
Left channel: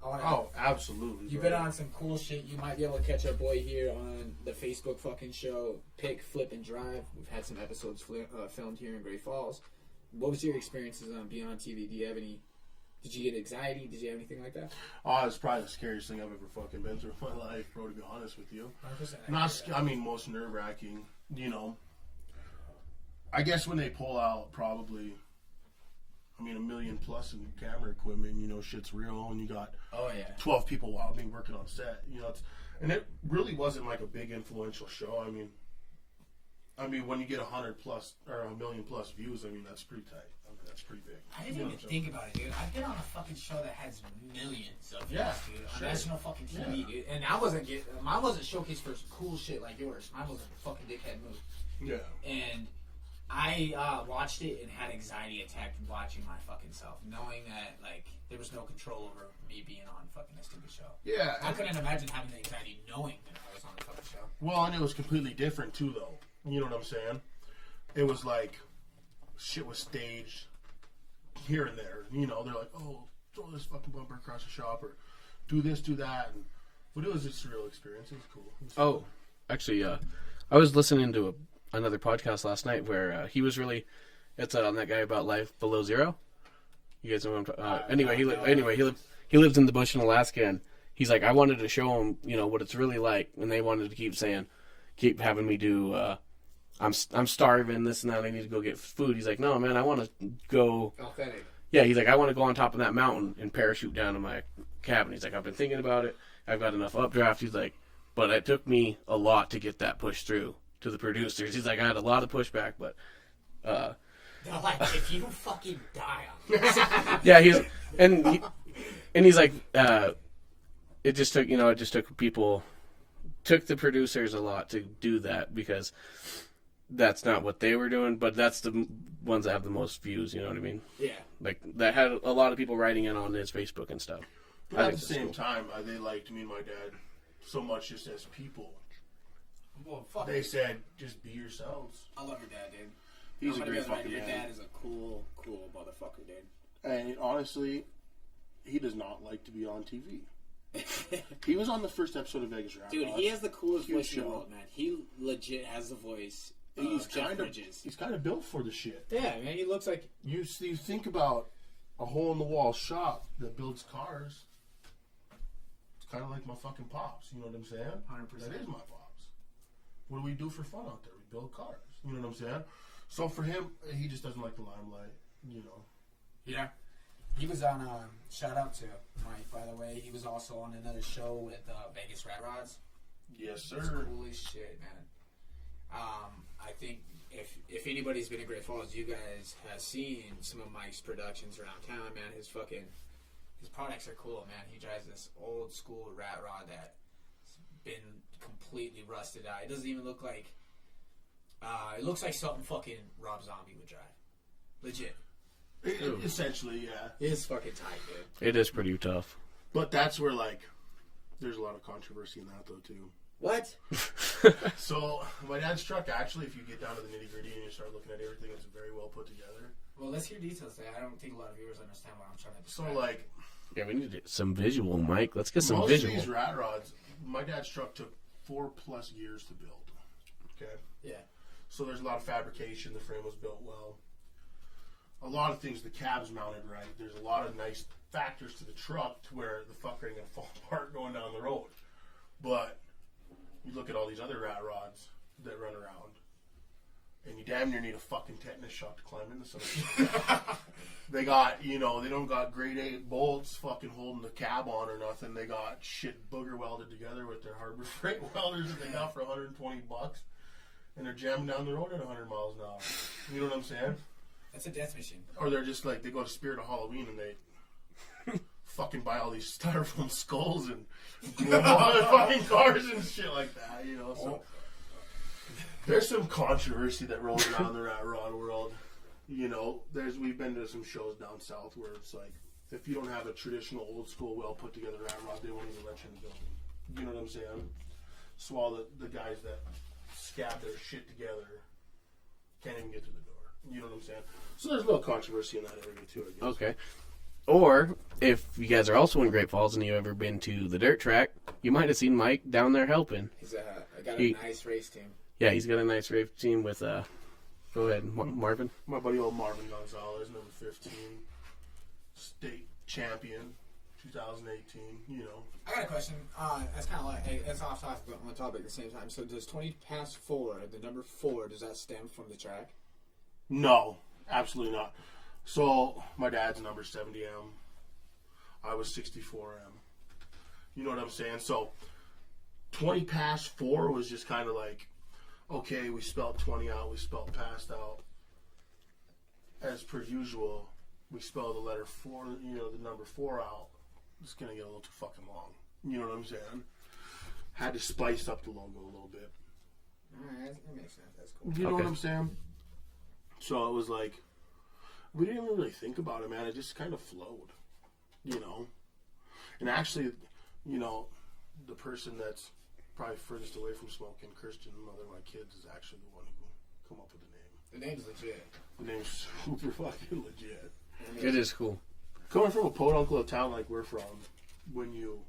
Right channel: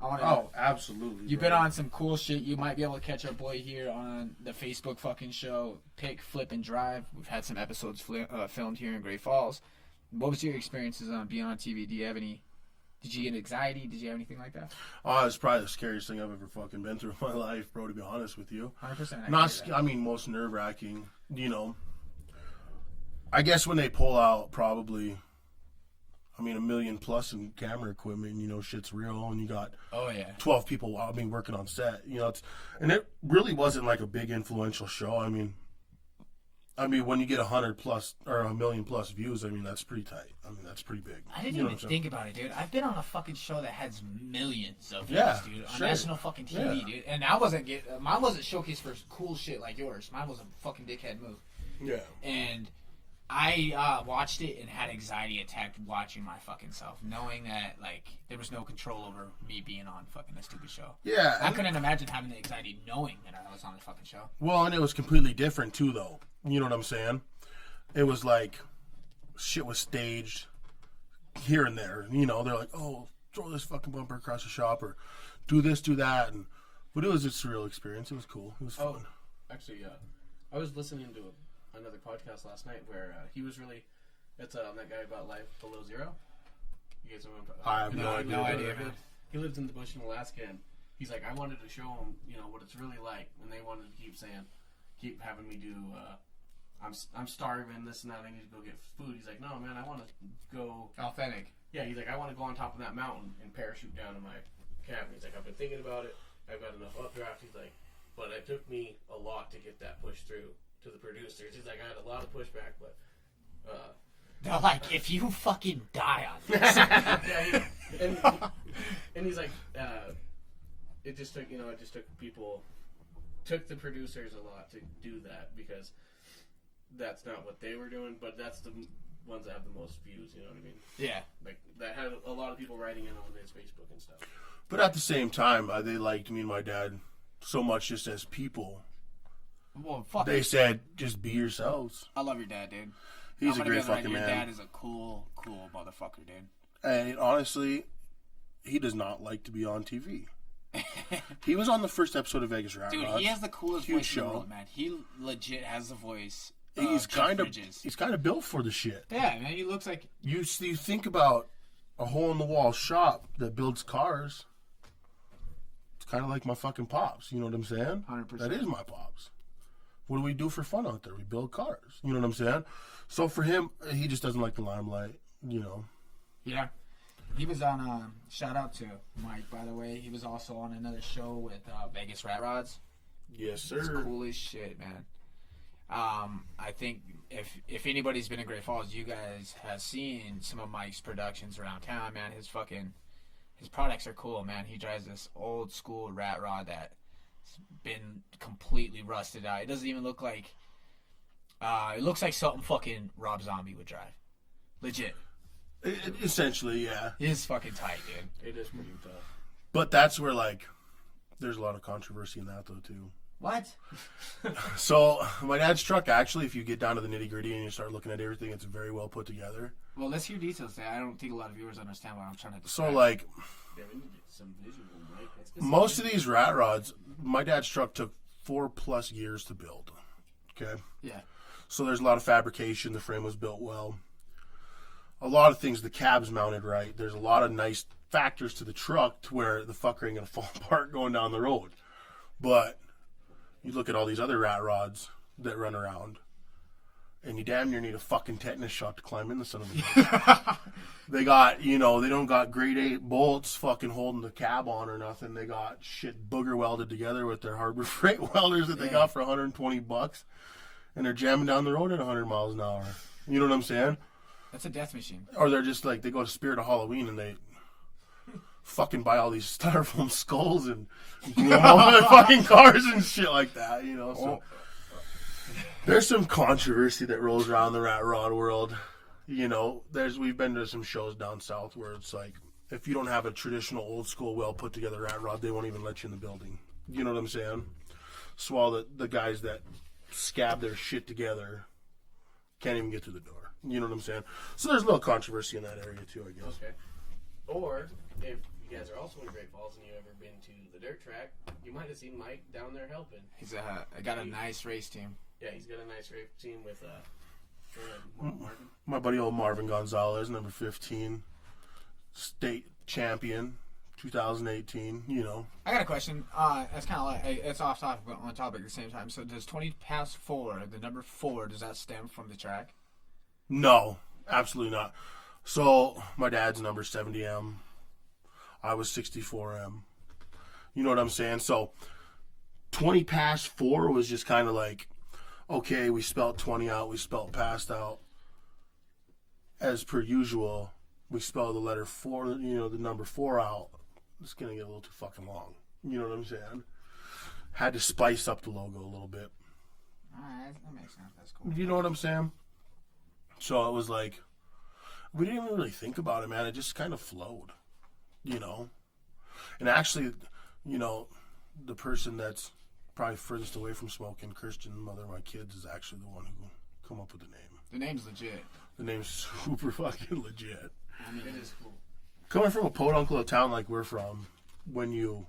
I want to. Oh, absolutely. You've been on some cool shit. You might be able to catch our boy here on the Facebook fucking show, Pick, Flip, and Drive. We've had some episodes filmed here in Great Falls. What was your experiences on being on TV? Do you have any? Did you get anxiety? Did you have anything like that? Oh, it's probably the scariest thing I've ever fucking been through in my life, bro, to be honest with you. 100%. I mean, most nerve-wracking, you know. I guess when they pull out probably, I mean, $1 million plus in camera equipment, you know, shit's real, and you got 12 people, working on set, you know, and it really wasn't like a big influential show. I mean, when you get 100 plus or $1 million plus views, I mean, that's pretty tight. I mean, that's pretty big. I didn't even think about it, dude. I've been on a fucking show that has millions of views, Yeah, dude, on sure. national fucking TV, dude. And mine wasn't showcased for cool shit like yours. Mine was a fucking dickhead move. Yeah. And I watched it and had anxiety attack watching my fucking self, knowing that like there was no control over me being on fucking a stupid show. Yeah. I couldn't imagine having the anxiety knowing that I was on the fucking show. Well, and it was completely different too, though. You know what I'm saying? It was like shit was staged here and there. You know, they're like, "Oh, throw this fucking bumper across the shop," or "Do this, do that," but it was a surreal experience. It was cool. It was fun. Oh, actually, I was listening to another podcast last night where he was really. It's on that guy about life below zero. You guys know what I'm talking about? Anyway, he lives in the bush in Alaska, and he's like, I wanted to show him, you know, what it's really like, and they wanted to keep having me do. I'm starving, this and that. I need to go get food. He's like, no, man, I want to go Authentic. Yeah, he's like, I want to go on top of that mountain and parachute down to my cabin. He's like, I've been thinking about it. I've got enough updraft. He's like, but it took me a lot to get that pushed through to the producers. He's like, I had a lot of pushback, but they're like, if you fucking die on this. yeah, he's like, it just took people, took the producers a lot to do that because that's not what they were doing, but that's the ones that have the most views, you know what I mean? Yeah. Like, that had a lot of people writing in on his Facebook and stuff. But at the same time, they liked me and my dad so much just as people. Well, fuck They said, just be yourselves. I love your dad, dude. He's a great fucking man. Your dad is a cool motherfucker, dude. And honestly, he does not like to be on TV. He was on the first episode of Vegas Rat Dude, Rods. he has the coolest Huge voice show. in the world, man. He legit has the voice. He's Jeff kind of Bridges. built for the shit. Yeah, man. He looks like You think about a hole in the wall shop that builds cars. It's kind of like my fucking pops. You know what I'm saying? 100%. That is my pops. What do we do for fun out there? We build cars. You know what I'm saying? So for him, he just doesn't like the limelight. You know. Yeah. He was on, shout out to Mike, by the way. He was also on another show with Vegas Rat Rods. Yes, It's sir. cool as shit, man. I think if anybody's been in Great Falls, you guys have seen some of Mike's productions around town, man. His products are cool, man. He drives this old school rat rod that's been completely rusted out. It doesn't even look like, it looks like something fucking Rob Zombie would drive. Legit. Essentially, yeah. It's fucking tight, dude. It is pretty tough. But that's where, like, there's a lot of controversy in that, though, too. What? So, my dad's truck, actually, if you get down to the nitty-gritty and you start looking at everything, it's very well put together. Well, let's hear details there. I don't think a lot of viewers understand what I'm trying to So, describe. like, Yeah, we need some visual, Mike. Let's get some most visual. of these rat rods, my dad's truck took 4+ years to build. Okay? Yeah. So, there's a lot of fabrication. The frame was built well. A lot of things, the cab's mounted right. There's a lot of nice factors to the truck to where the fucker ain't going to fall apart going down the road. But you look at all these other rat rods that run around, and you damn near need a fucking tetanus shot to climb into some of these. They got, they don't got grade 8 bolts fucking holding the cab on or nothing. They got shit booger welded together with their Harbor Freight welders that they got for $120, and they're jamming down the road at 100 miles an hour. You know what I'm saying? That's a death machine. Or they're just like, they go to Spirit of Halloween and they fucking buy all these styrofoam skulls and glue them on their fucking cars and shit like that, So there's some controversy that rolls around the rat rod world. We've been to some shows down south where it's like, if you don't have a traditional old school well put together rat rod, they won't even let you in the building. You know what I'm saying? So all the guys that scab their shit together can't even get through the door. You know what I'm saying? So there's a little controversy in that area too, I guess. Okay. Or if you guys are also in Great Falls and you've ever been to the dirt track, you might have seen Mike down there helping. I got a nice race team. Yeah, he's got a nice race team with go ahead, Marvin. My buddy old Marvin Gonzalez, number 15, state champion, 2018. You know. I got a question. It's kind of like it's off topic but on topic at the same time. So does 20 past 4, the number 4, does that stem from the track? No, absolutely not. So my dad's number 70M. I was 64M. You know what I'm saying? So 20 past 4 was just kind of like, okay, we spelled 20 out, we spelled past out. As per usual, we spell the letter 4, the number 4 out. It's going to get a little too fucking long. You know what I'm saying? Had to spice up the logo a little bit. Alright, that makes sense. That's cool. You know what I'm saying? So it was like, we didn't even really think about it, man. It just kind of flowed, you know? And actually, you know, the person that's probably furthest away from smoking, Christian, mother of my kids, is actually the one who come up with the name. The name's legit. The name's super fucking legit. It is cool. Coming from a podunk little town like we're from, when you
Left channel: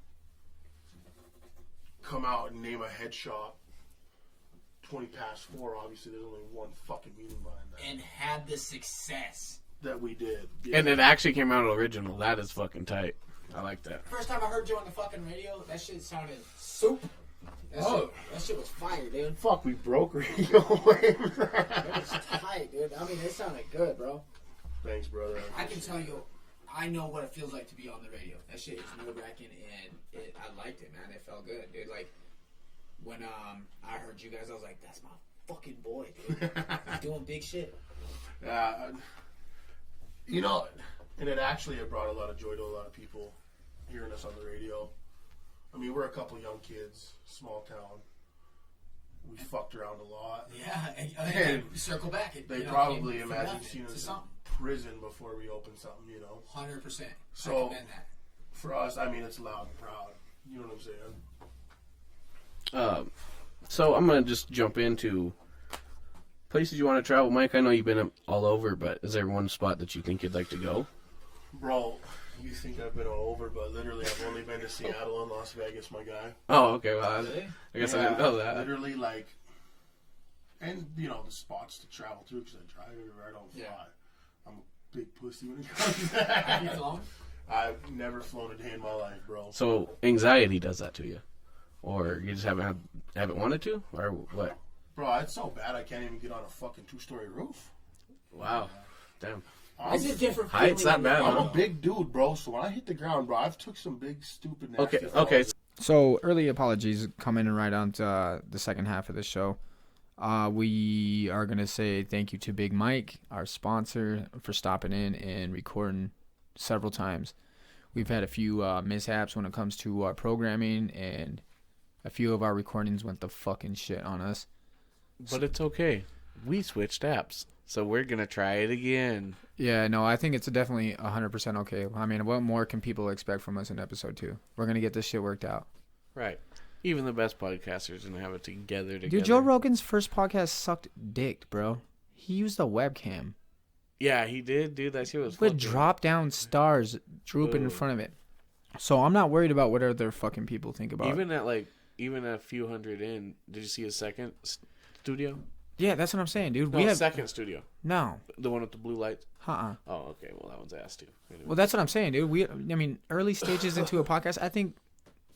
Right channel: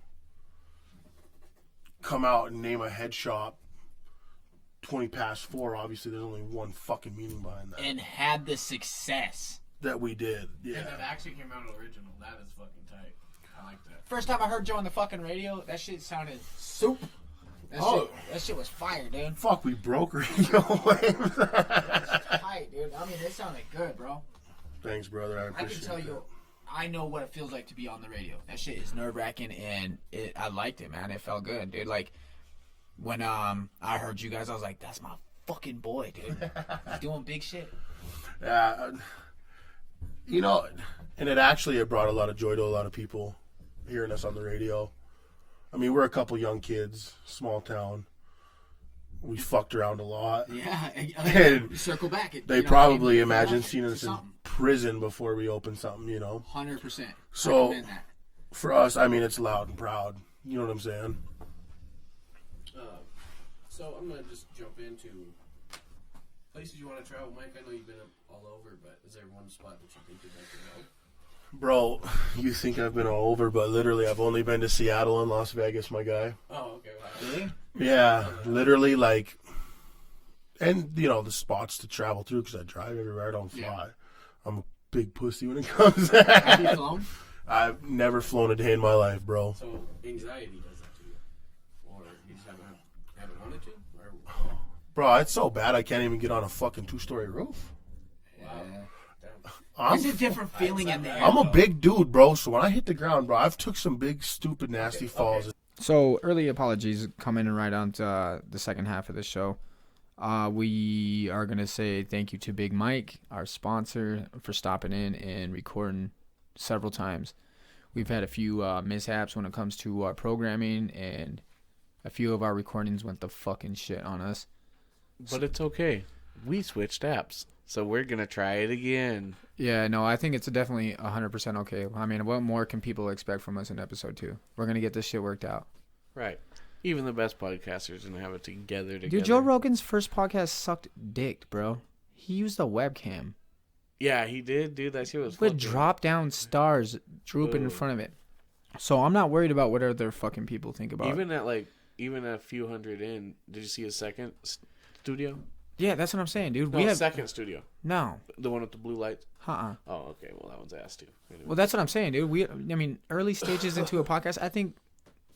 come out and name a head shop 20 past 4, obviously there's only one fucking meaning behind that. And had the success that we did. Yeah. And it actually came out original. That is fucking tight. I like that. First time I heard Joe on the fucking radio, that shit sounded soup. That shit was fire, dude. Fuck, we broke radio waves. That was tight, dude. I mean, it sounded good, bro. Thanks, brother. I appreciate can tell you, I know what it feels like to be on the radio. That shit is nerve-wracking, and I liked it, man. It felt good, dude. Like, when I heard you guys, I was like, that's my fucking boy, dude. He's doing big shit. You know, and it brought a lot of joy to a lot of people hearing us on the radio. I mean, we're a couple young kids, small town. We fucked around a lot. Yeah, and circle back. They probably imagine seeing us in prison before we open something, you know? 100%. So, for us, I mean, it's loud and proud. You know what I'm saying? So I'm going to just jump into places you want to travel. Mike, I know you've been all over, but is there one spot that you think you'd like to go? Bro, you think I've been all over, but literally I've only been to Seattle and Las Vegas, my guy. Oh, okay. Well, I guess I didn't know that. Literally, like, and, you know, the spots to travel through, because I drive everywhere, I don't fly. Yeah. I'm a big pussy when it comes to that. Have you flown? I've never flown a day in my life, bro. So anxiety does that to you? Or you just haven't wanted to? Or what? Bro, it's so bad I can't even get on a fucking 2-story roof. Wow. Damn. It's a different feeling. I'm a big dude, bro, so when I hit the ground, bro, I've took some big, stupid, nasty falls. Okay. So, early apologies coming in right on to the second half of the show. We are going to say thank you to Big Mike, our sponsor, for stopping in and recording several times. We've had a few mishaps when it comes to our programming, and a few of our recordings went the fucking shit on us. But it's okay. We switched apps, so we're going to try it again. Yeah, no, I think it's definitely 100% okay. I mean, what more can people expect from us in episode 2? We're going to get this shit worked out. Right. Even the best podcasters are going to have it together. Dude, Joe Rogan's first podcast sucked dick, bro. He used a webcam. Yeah, he did, dude. That shit was with drop-down stars drooping in front of it. So I'm not worried about what other fucking people think about it. Even a few hundred in, did you see his second studio? Yeah, that's what I'm saying, dude. No, we have second studio. No. The one with the blue lights? Uh-uh. Oh, okay. Well, that one's ass, too. Anyway. Well, that's what I'm saying, dude. Early stages into a podcast, I think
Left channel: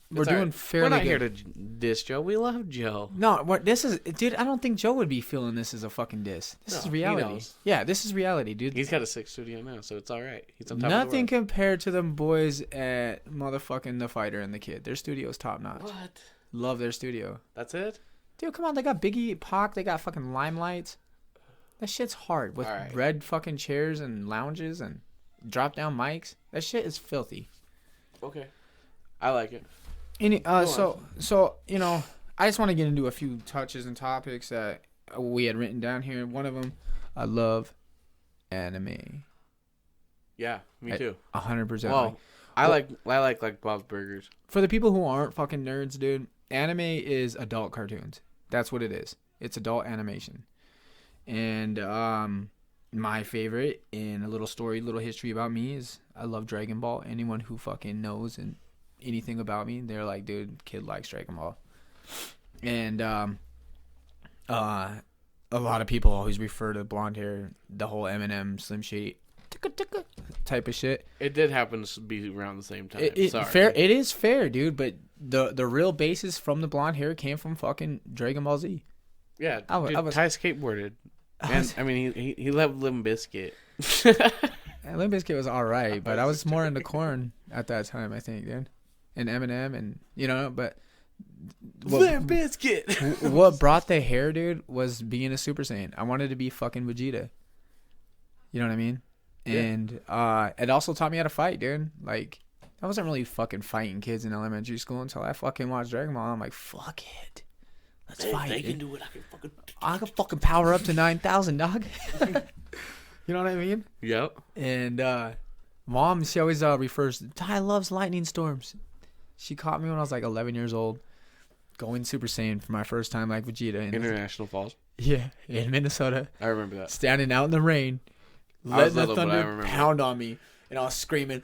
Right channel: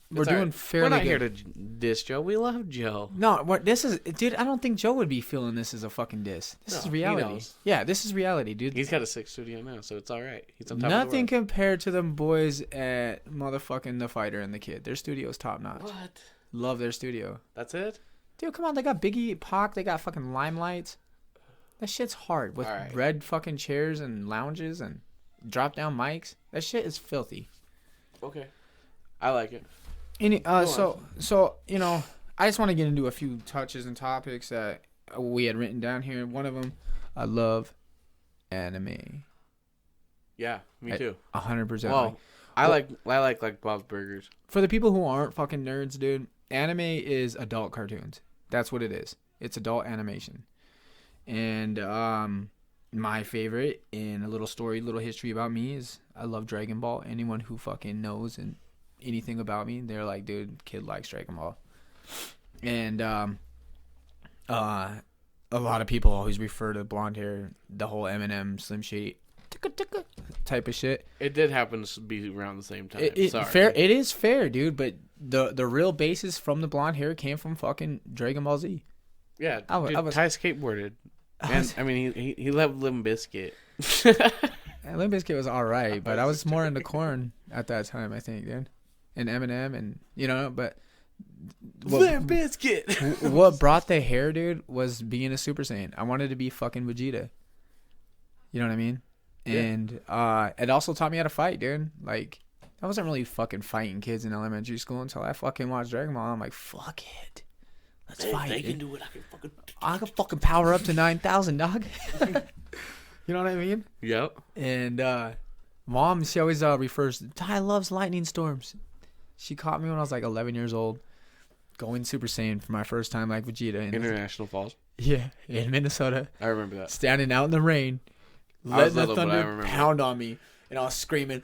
we're doing fairly good. We're not here to diss Joe. We love Joe. No, dude, I don't think Joe would be feeling this as a fucking diss. This is reality. He knows. Yeah, this is reality, dude. He's got a 6th studio now, so it's all right. He's on top Nothing of the world. compared to them boys at motherfucking The Fighter and The Kid. Their studio's top notch. What? Love their studio. That's it? Dude, come on. They got Biggie, Pac. They got fucking Limelights. That shit's hard with red fucking chairs and lounges and drop down mics. That shit is filthy. Okay. I like it. So you know, I just want to get into a few touches and topics that we had written down here. One of them, I love anime. Yeah, me too. 100%. Well, I like Bob's Burgers. For the people who aren't fucking nerds, dude, anime is adult cartoons. That's what it is. It's adult animation. And my favorite, in a little story, little history about me, is I love Dragon Ball. Anyone who fucking knows and anything about me, they're like, dude, kid likes Dragon Ball. And a lot of people always refer to blonde hair, the whole Eminem, Slim Shady type of shit. It did happen to be around the same time. Sorry. Fair. It is fair, dude. But the real basis from the blonde hair came from fucking Dragon Ball Z. Yeah, I dude, was- Ty skateboarded. And, I mean, he loved Limp Bizkit. And Limp Bizkit was alright, but I was more into Korn at that time, I think, dude. And Eminem, and but Limp Bizkit. what brought the hair, dude, was being a Super Saiyan. I wanted to be fucking Vegeta. You know what I mean? Yeah. And it also taught me how to fight, dude. Like, I wasn't really fucking fighting kids in elementary school until I fucking watched Dragon Ball. I'm like, fuck it. Let's fight. They dude. can do it. I can fucking power up to 9,000, dog. You know what I mean? Yep. And mom, she always refers to Ty loves lightning storms. She caught me when I was like 11 years old, going Super Saiyan for my first time, like Vegeta. International Falls. Yeah, in Minnesota, I remember that. standing out in the rain, I was letting the little, but I thunder remember. pound on me, and I was screaming.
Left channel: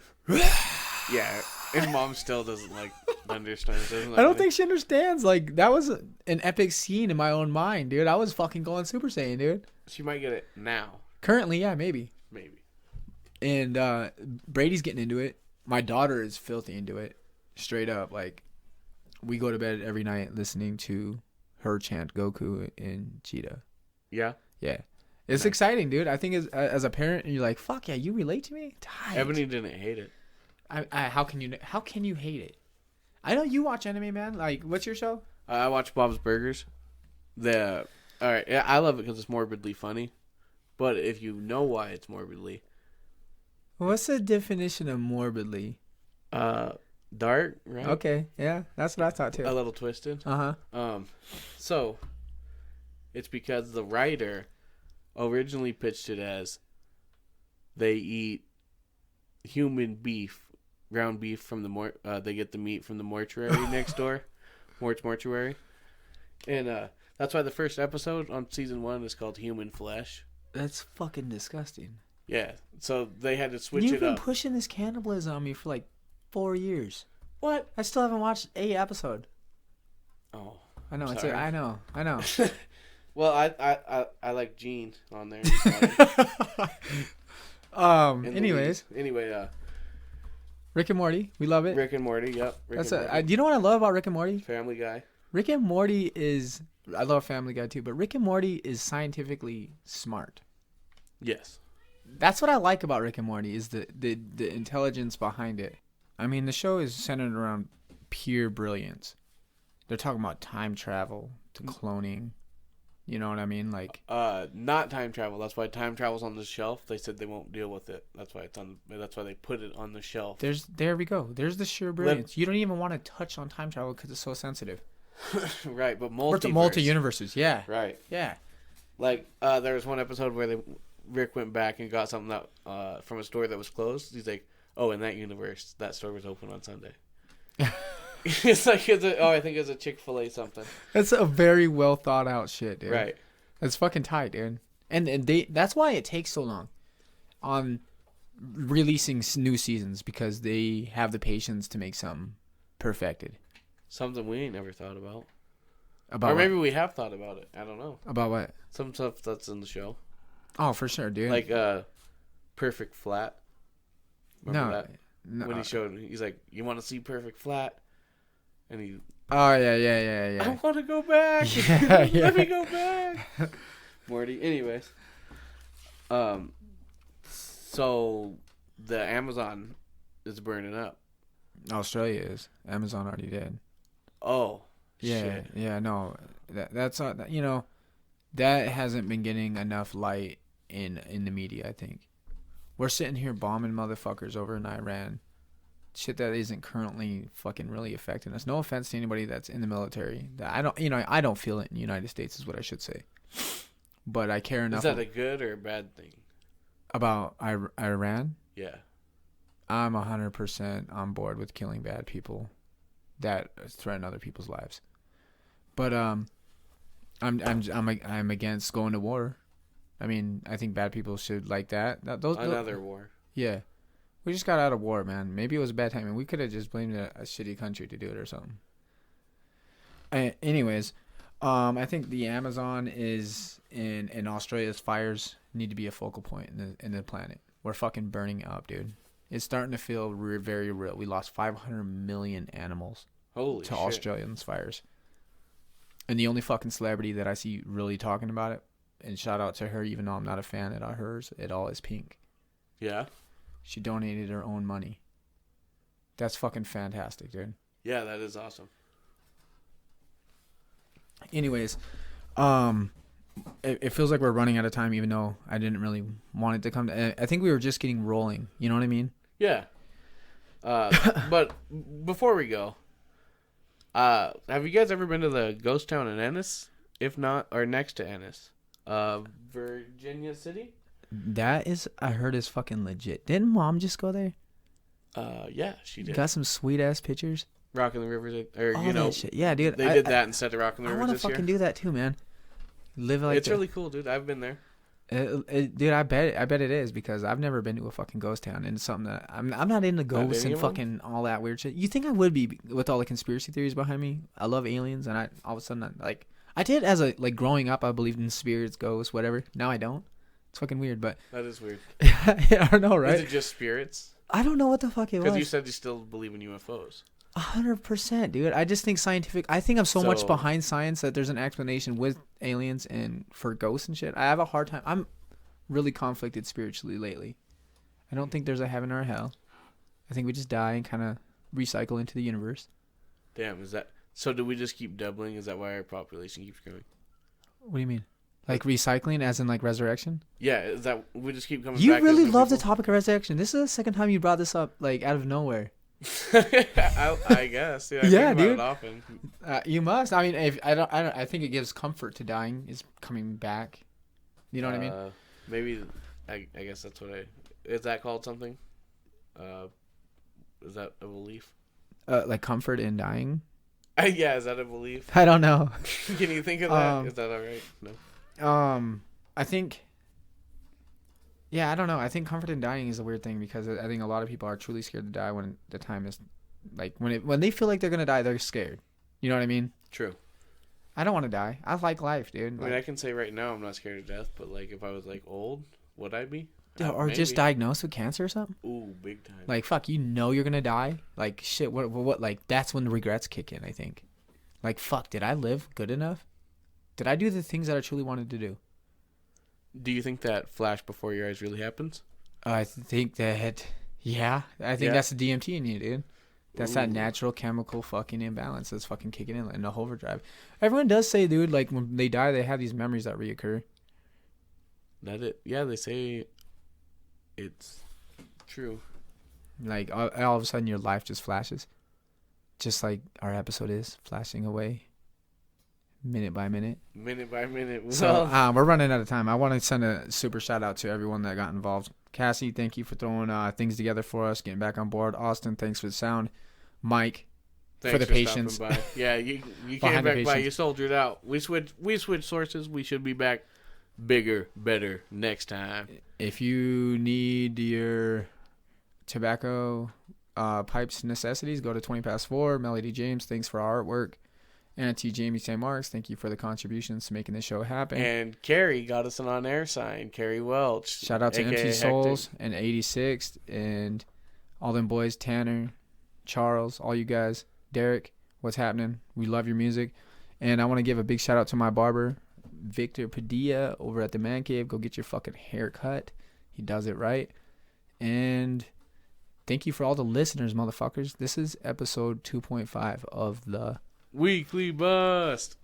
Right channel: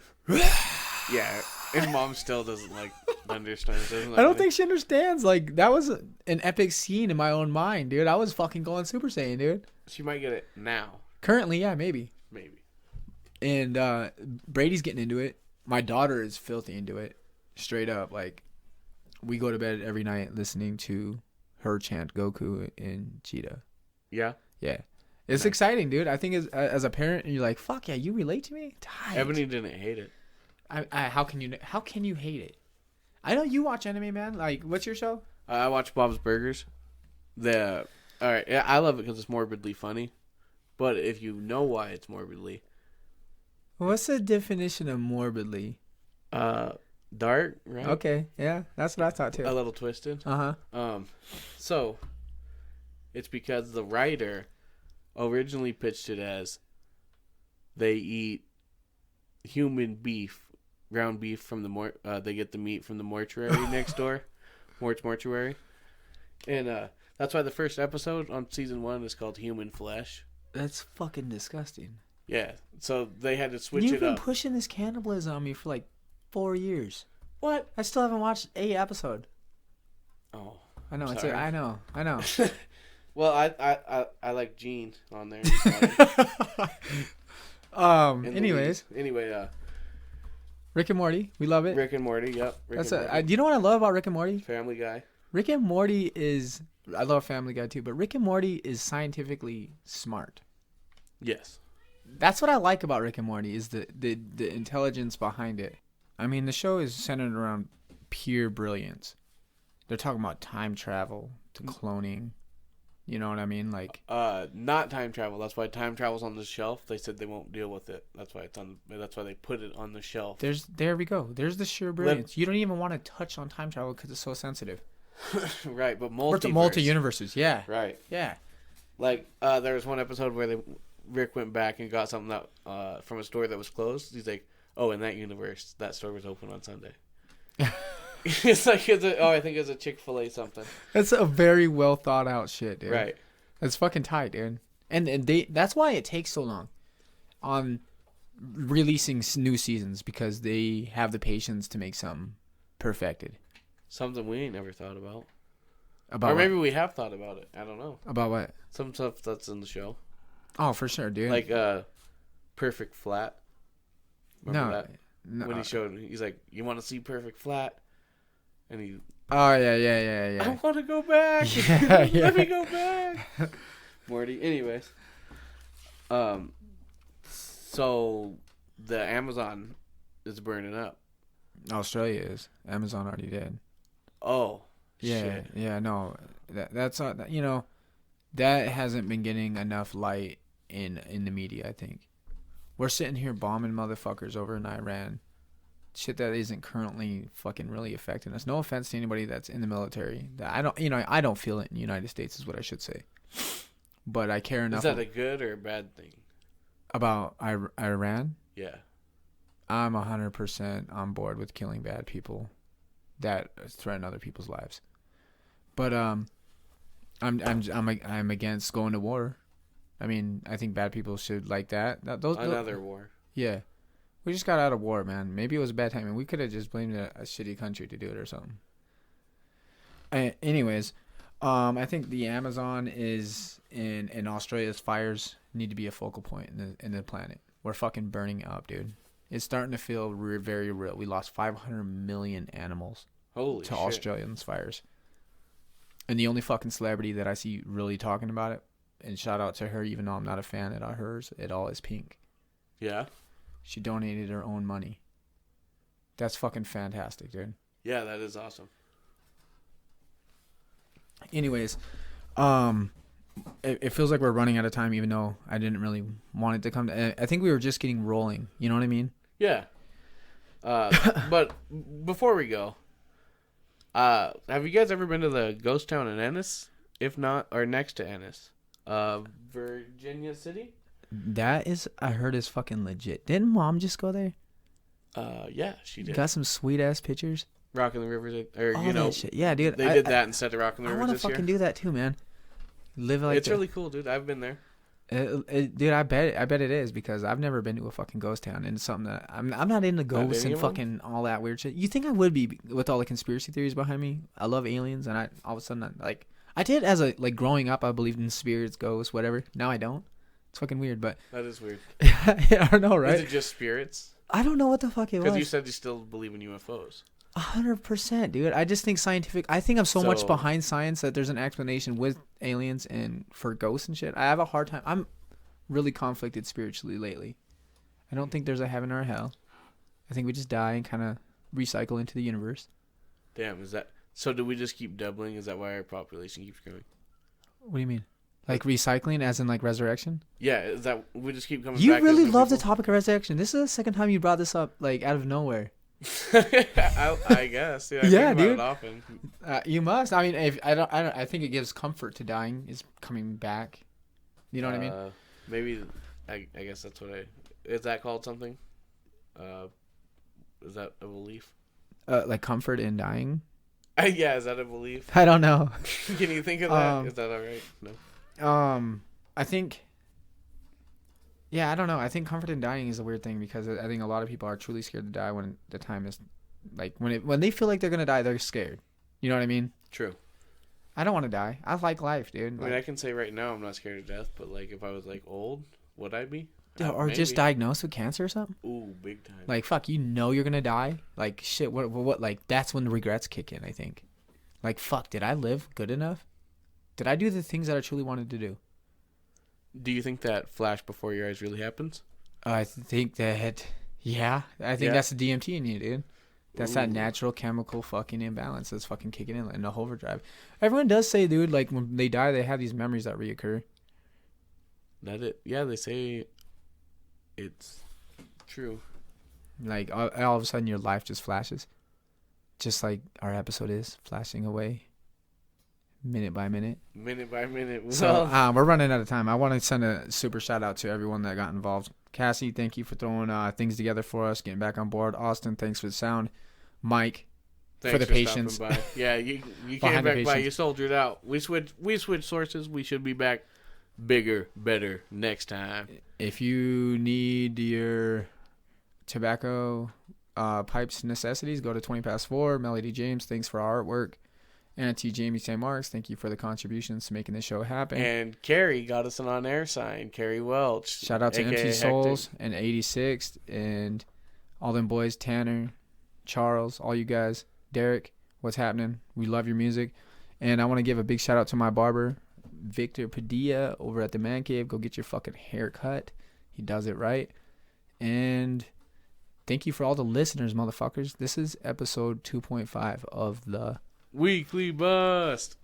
Yeah, and Mom still doesn't like thunderstorms. I don't think she understands. Like, that was an epic scene in my own mind, dude. I was fucking going Super Saiyan, dude. she might get it now. Currently, yeah, maybe. Maybe. And Brady's getting into it. My daughter is filthy into it. Straight up. Like, we go to bed every night listening to her chant Goku and Cheetah. Yeah. Yeah. It's exciting, dude. I think as a parent, you're like, fuck yeah, you relate to me? Tight. Ebony didn't hate it. How can you hate it? I know you watch anime, man. Like, what's your show? I watch Bob's Burgers. All right, yeah, I love it because it's morbidly funny. But if you know why it's morbidly, What's the definition of morbidly? dark, right? Okay, yeah, that's what I thought too. A little twisted. Uh-huh. So it's because the writer originally pitched it as they eat human beef, ground beef from the they get the meat from the mortuary next door, mortuary, and that's why the first episode on season 1 is called Human Flesh. That's fucking disgusting. Yeah, so they had to switch You've it been up. pushing this cannibalism on me for like 4 years. What? I still haven't watched a episode. Oh, I know. Sorry. I know. well, I like Gene on there. And Anyways, anyway, Rick and Morty, we love it. Rick and Morty. Yep. Do you know what I love about Rick and Morty? Family Guy. Rick and Morty is. I love Family Guy too, but Rick and Morty is scientifically smart. Yes. That's what I like about Rick and Morty is the intelligence behind it. I mean, the show is centered around pure brilliance. They're talking about time travel to cloning. You know what I mean? Like, Not time travel. That's why time travel's on the shelf. They said they won't deal with it. That's why it's on. That's why they put it on the shelf. there we go. There's the sheer brilliance. You don't even want to touch on time travel because it's so sensitive. Right, but Multi-universes, yeah. Right. Yeah. Like, there was one episode where Rick went back and got something that from a store that was closed. He's like, "Oh, in that universe, that store was open on Sunday." It's like, I think it's a Chick-fil-A something. That's a very well thought out shit, dude. Right. That's fucking tight, dude. And that's why it takes so long on releasing new seasons, because they have the patience to make something perfected. Something we ain't never thought about. About Or what? maybe we have thought about it. I don't know. About what? Some stuff that's in the show. Oh, for sure, dude. Like, Perfect Flat. Remember no, that? no. When he's like, "You want to see Perfect Flat?" And he, Oh yeah. "I want to go back. Yeah, yeah. Let me go back." Morty. Anyways, so the Amazon is burning up. Australia is. Amazon already did. Oh, Yeah, shit. yeah, no, that's not, that hasn't been getting enough light in the media. I think we're sitting here bombing motherfuckers over in Iran, shit that isn't currently fucking really affecting us. No offense to anybody that's in the military. That I don't feel it in the United States is what I should say, but I care enough Is that a good or a bad thing? about Iran. Yeah. I'm 100% on board with killing bad people. that threaten other people's lives. But I'm against going to war. I mean, I think bad people should like that. Another war. Yeah. We just got out of war, man. Maybe it was a bad time, and we could have just blamed a shitty country to do it or something. Anyways, I think the Amazon is in Australia's fires need to be a focal point in the planet. We're fucking burning up, dude. It's starting to feel very real. We lost 500 million animals Holy to shit. Australians' fires. And the only fucking celebrity that I see really talking about it, and shout out to her, even though I'm not a fan of hers at all, is Pink. Yeah? She donated her own money. That's fucking fantastic, dude. Yeah, that is awesome. Anyways, it feels like we're running out of time, even though I didn't really want it to come to. I think we were just getting rolling. You know what I mean? Yeah. But before we go, have you guys ever been to the ghost town in Ennis? If not, or next to Ennis, Virginia City? That is, I heard, is fucking legit. Didn't Mom just go there? Yeah, she did. Got some sweet ass pictures. Rock in the River, or All that shit. Yeah, dude. they did that instead of Rock in the I River want to this year. fucking do that too, man. Live like It's really cool, dude. I've been there. dude. I bet it is, because I've never been to a fucking ghost town, and it's something that I'm not into ghosts and fucking all that weird shit. You think I would be with all the conspiracy theories behind me? I love aliens, and all of a sudden I did as a growing up. I believed in spirits, ghosts, whatever. Now I don't. It's fucking weird, but That is weird. I don't know, right? Is it just spirits? I don't know what the fuck it was. Because you said you still believe in UFOs. 100%, dude. I just think I think I'm so much So- behind science that there's an explanation with aliens and for ghosts and shit. I have a hard time. I'm really conflicted spiritually lately. I don't think there's a heaven or a hell. I think we just die and kind of recycle into the universe. Damn, is that... So do we just keep doubling? Is that why our population keeps growing? What do you mean? Like recycling as in like resurrection? Yeah, is that... We just keep coming You back really as new love the people? topic of resurrection. This is the second time you brought this up like out of nowhere. I guess. Yeah, I Yeah, think about dude. it often. You must. I mean, if I don't. I think it gives comfort to dying is coming back. You know what I mean? Maybe... I guess that's what I... Is that called something? Is that a belief? Like comfort in dying. Yeah, is that a belief? I don't know. Can you think of that? Is that all right? No. I think. Yeah, I don't know. I think comfort in dying is a weird thing, because I think a lot of people are truly scared to die when the time is, like, when they feel like they're gonna die, they're scared. You know what I mean? True. I don't want to die. I like life, dude. I mean, I can say right now I'm not scared of death, but like if I was like old, would I be? Or just Maybe. diagnosed with cancer or something. Ooh, big time. Like, fuck, you know you're gonna die. Like, shit. What? Like, that's when the regrets kick in. I think. Like, fuck, did I live good enough? Did I do the things that I truly wanted to do? Do you think that flash before your eyes really happens? I think that, yeah. I think Yeah. that's the DMT in you, dude. That's that Ooh. natural chemical fucking imbalance that's fucking kicking in the overdrive. Everyone does say, dude, like when they die, they have these memories that reoccur. Yeah, they say it's true. Like all of a sudden your life just flashes. Just like our episode is flashing away. Minute by minute. Minute by minute. So we're running out of time. I want to send a super shout out to everyone that got involved. Cassie, thank you for throwing things together for us, getting back on board. Austin, thanks for the sound. Mike, Thanks for the stopping patience. by. Yeah, you Behind came the back by. patience. You soldiered out. We switched sources. We should be back bigger, better next time. If you need your tobacco pipes necessities, go to 20 past 4. Melody James, thanks for our artwork. Auntie Jamie St. Marks, thank you for the contributions to making this show happen. And Carrie got us an on-air sign. Carrie Welch. Shout out to aka Empty Hectic. Souls and 86th and all them boys, Tanner, Charles, all you guys, Derek, what's happening? We love your music. And I want to give a big shout out to my barber, Victor Padilla, over at the Man Cave. Go get your fucking hair cut. He does it right. And thank you for all the listeners, motherfuckers. This is episode 2.5 of the Weekly Bust.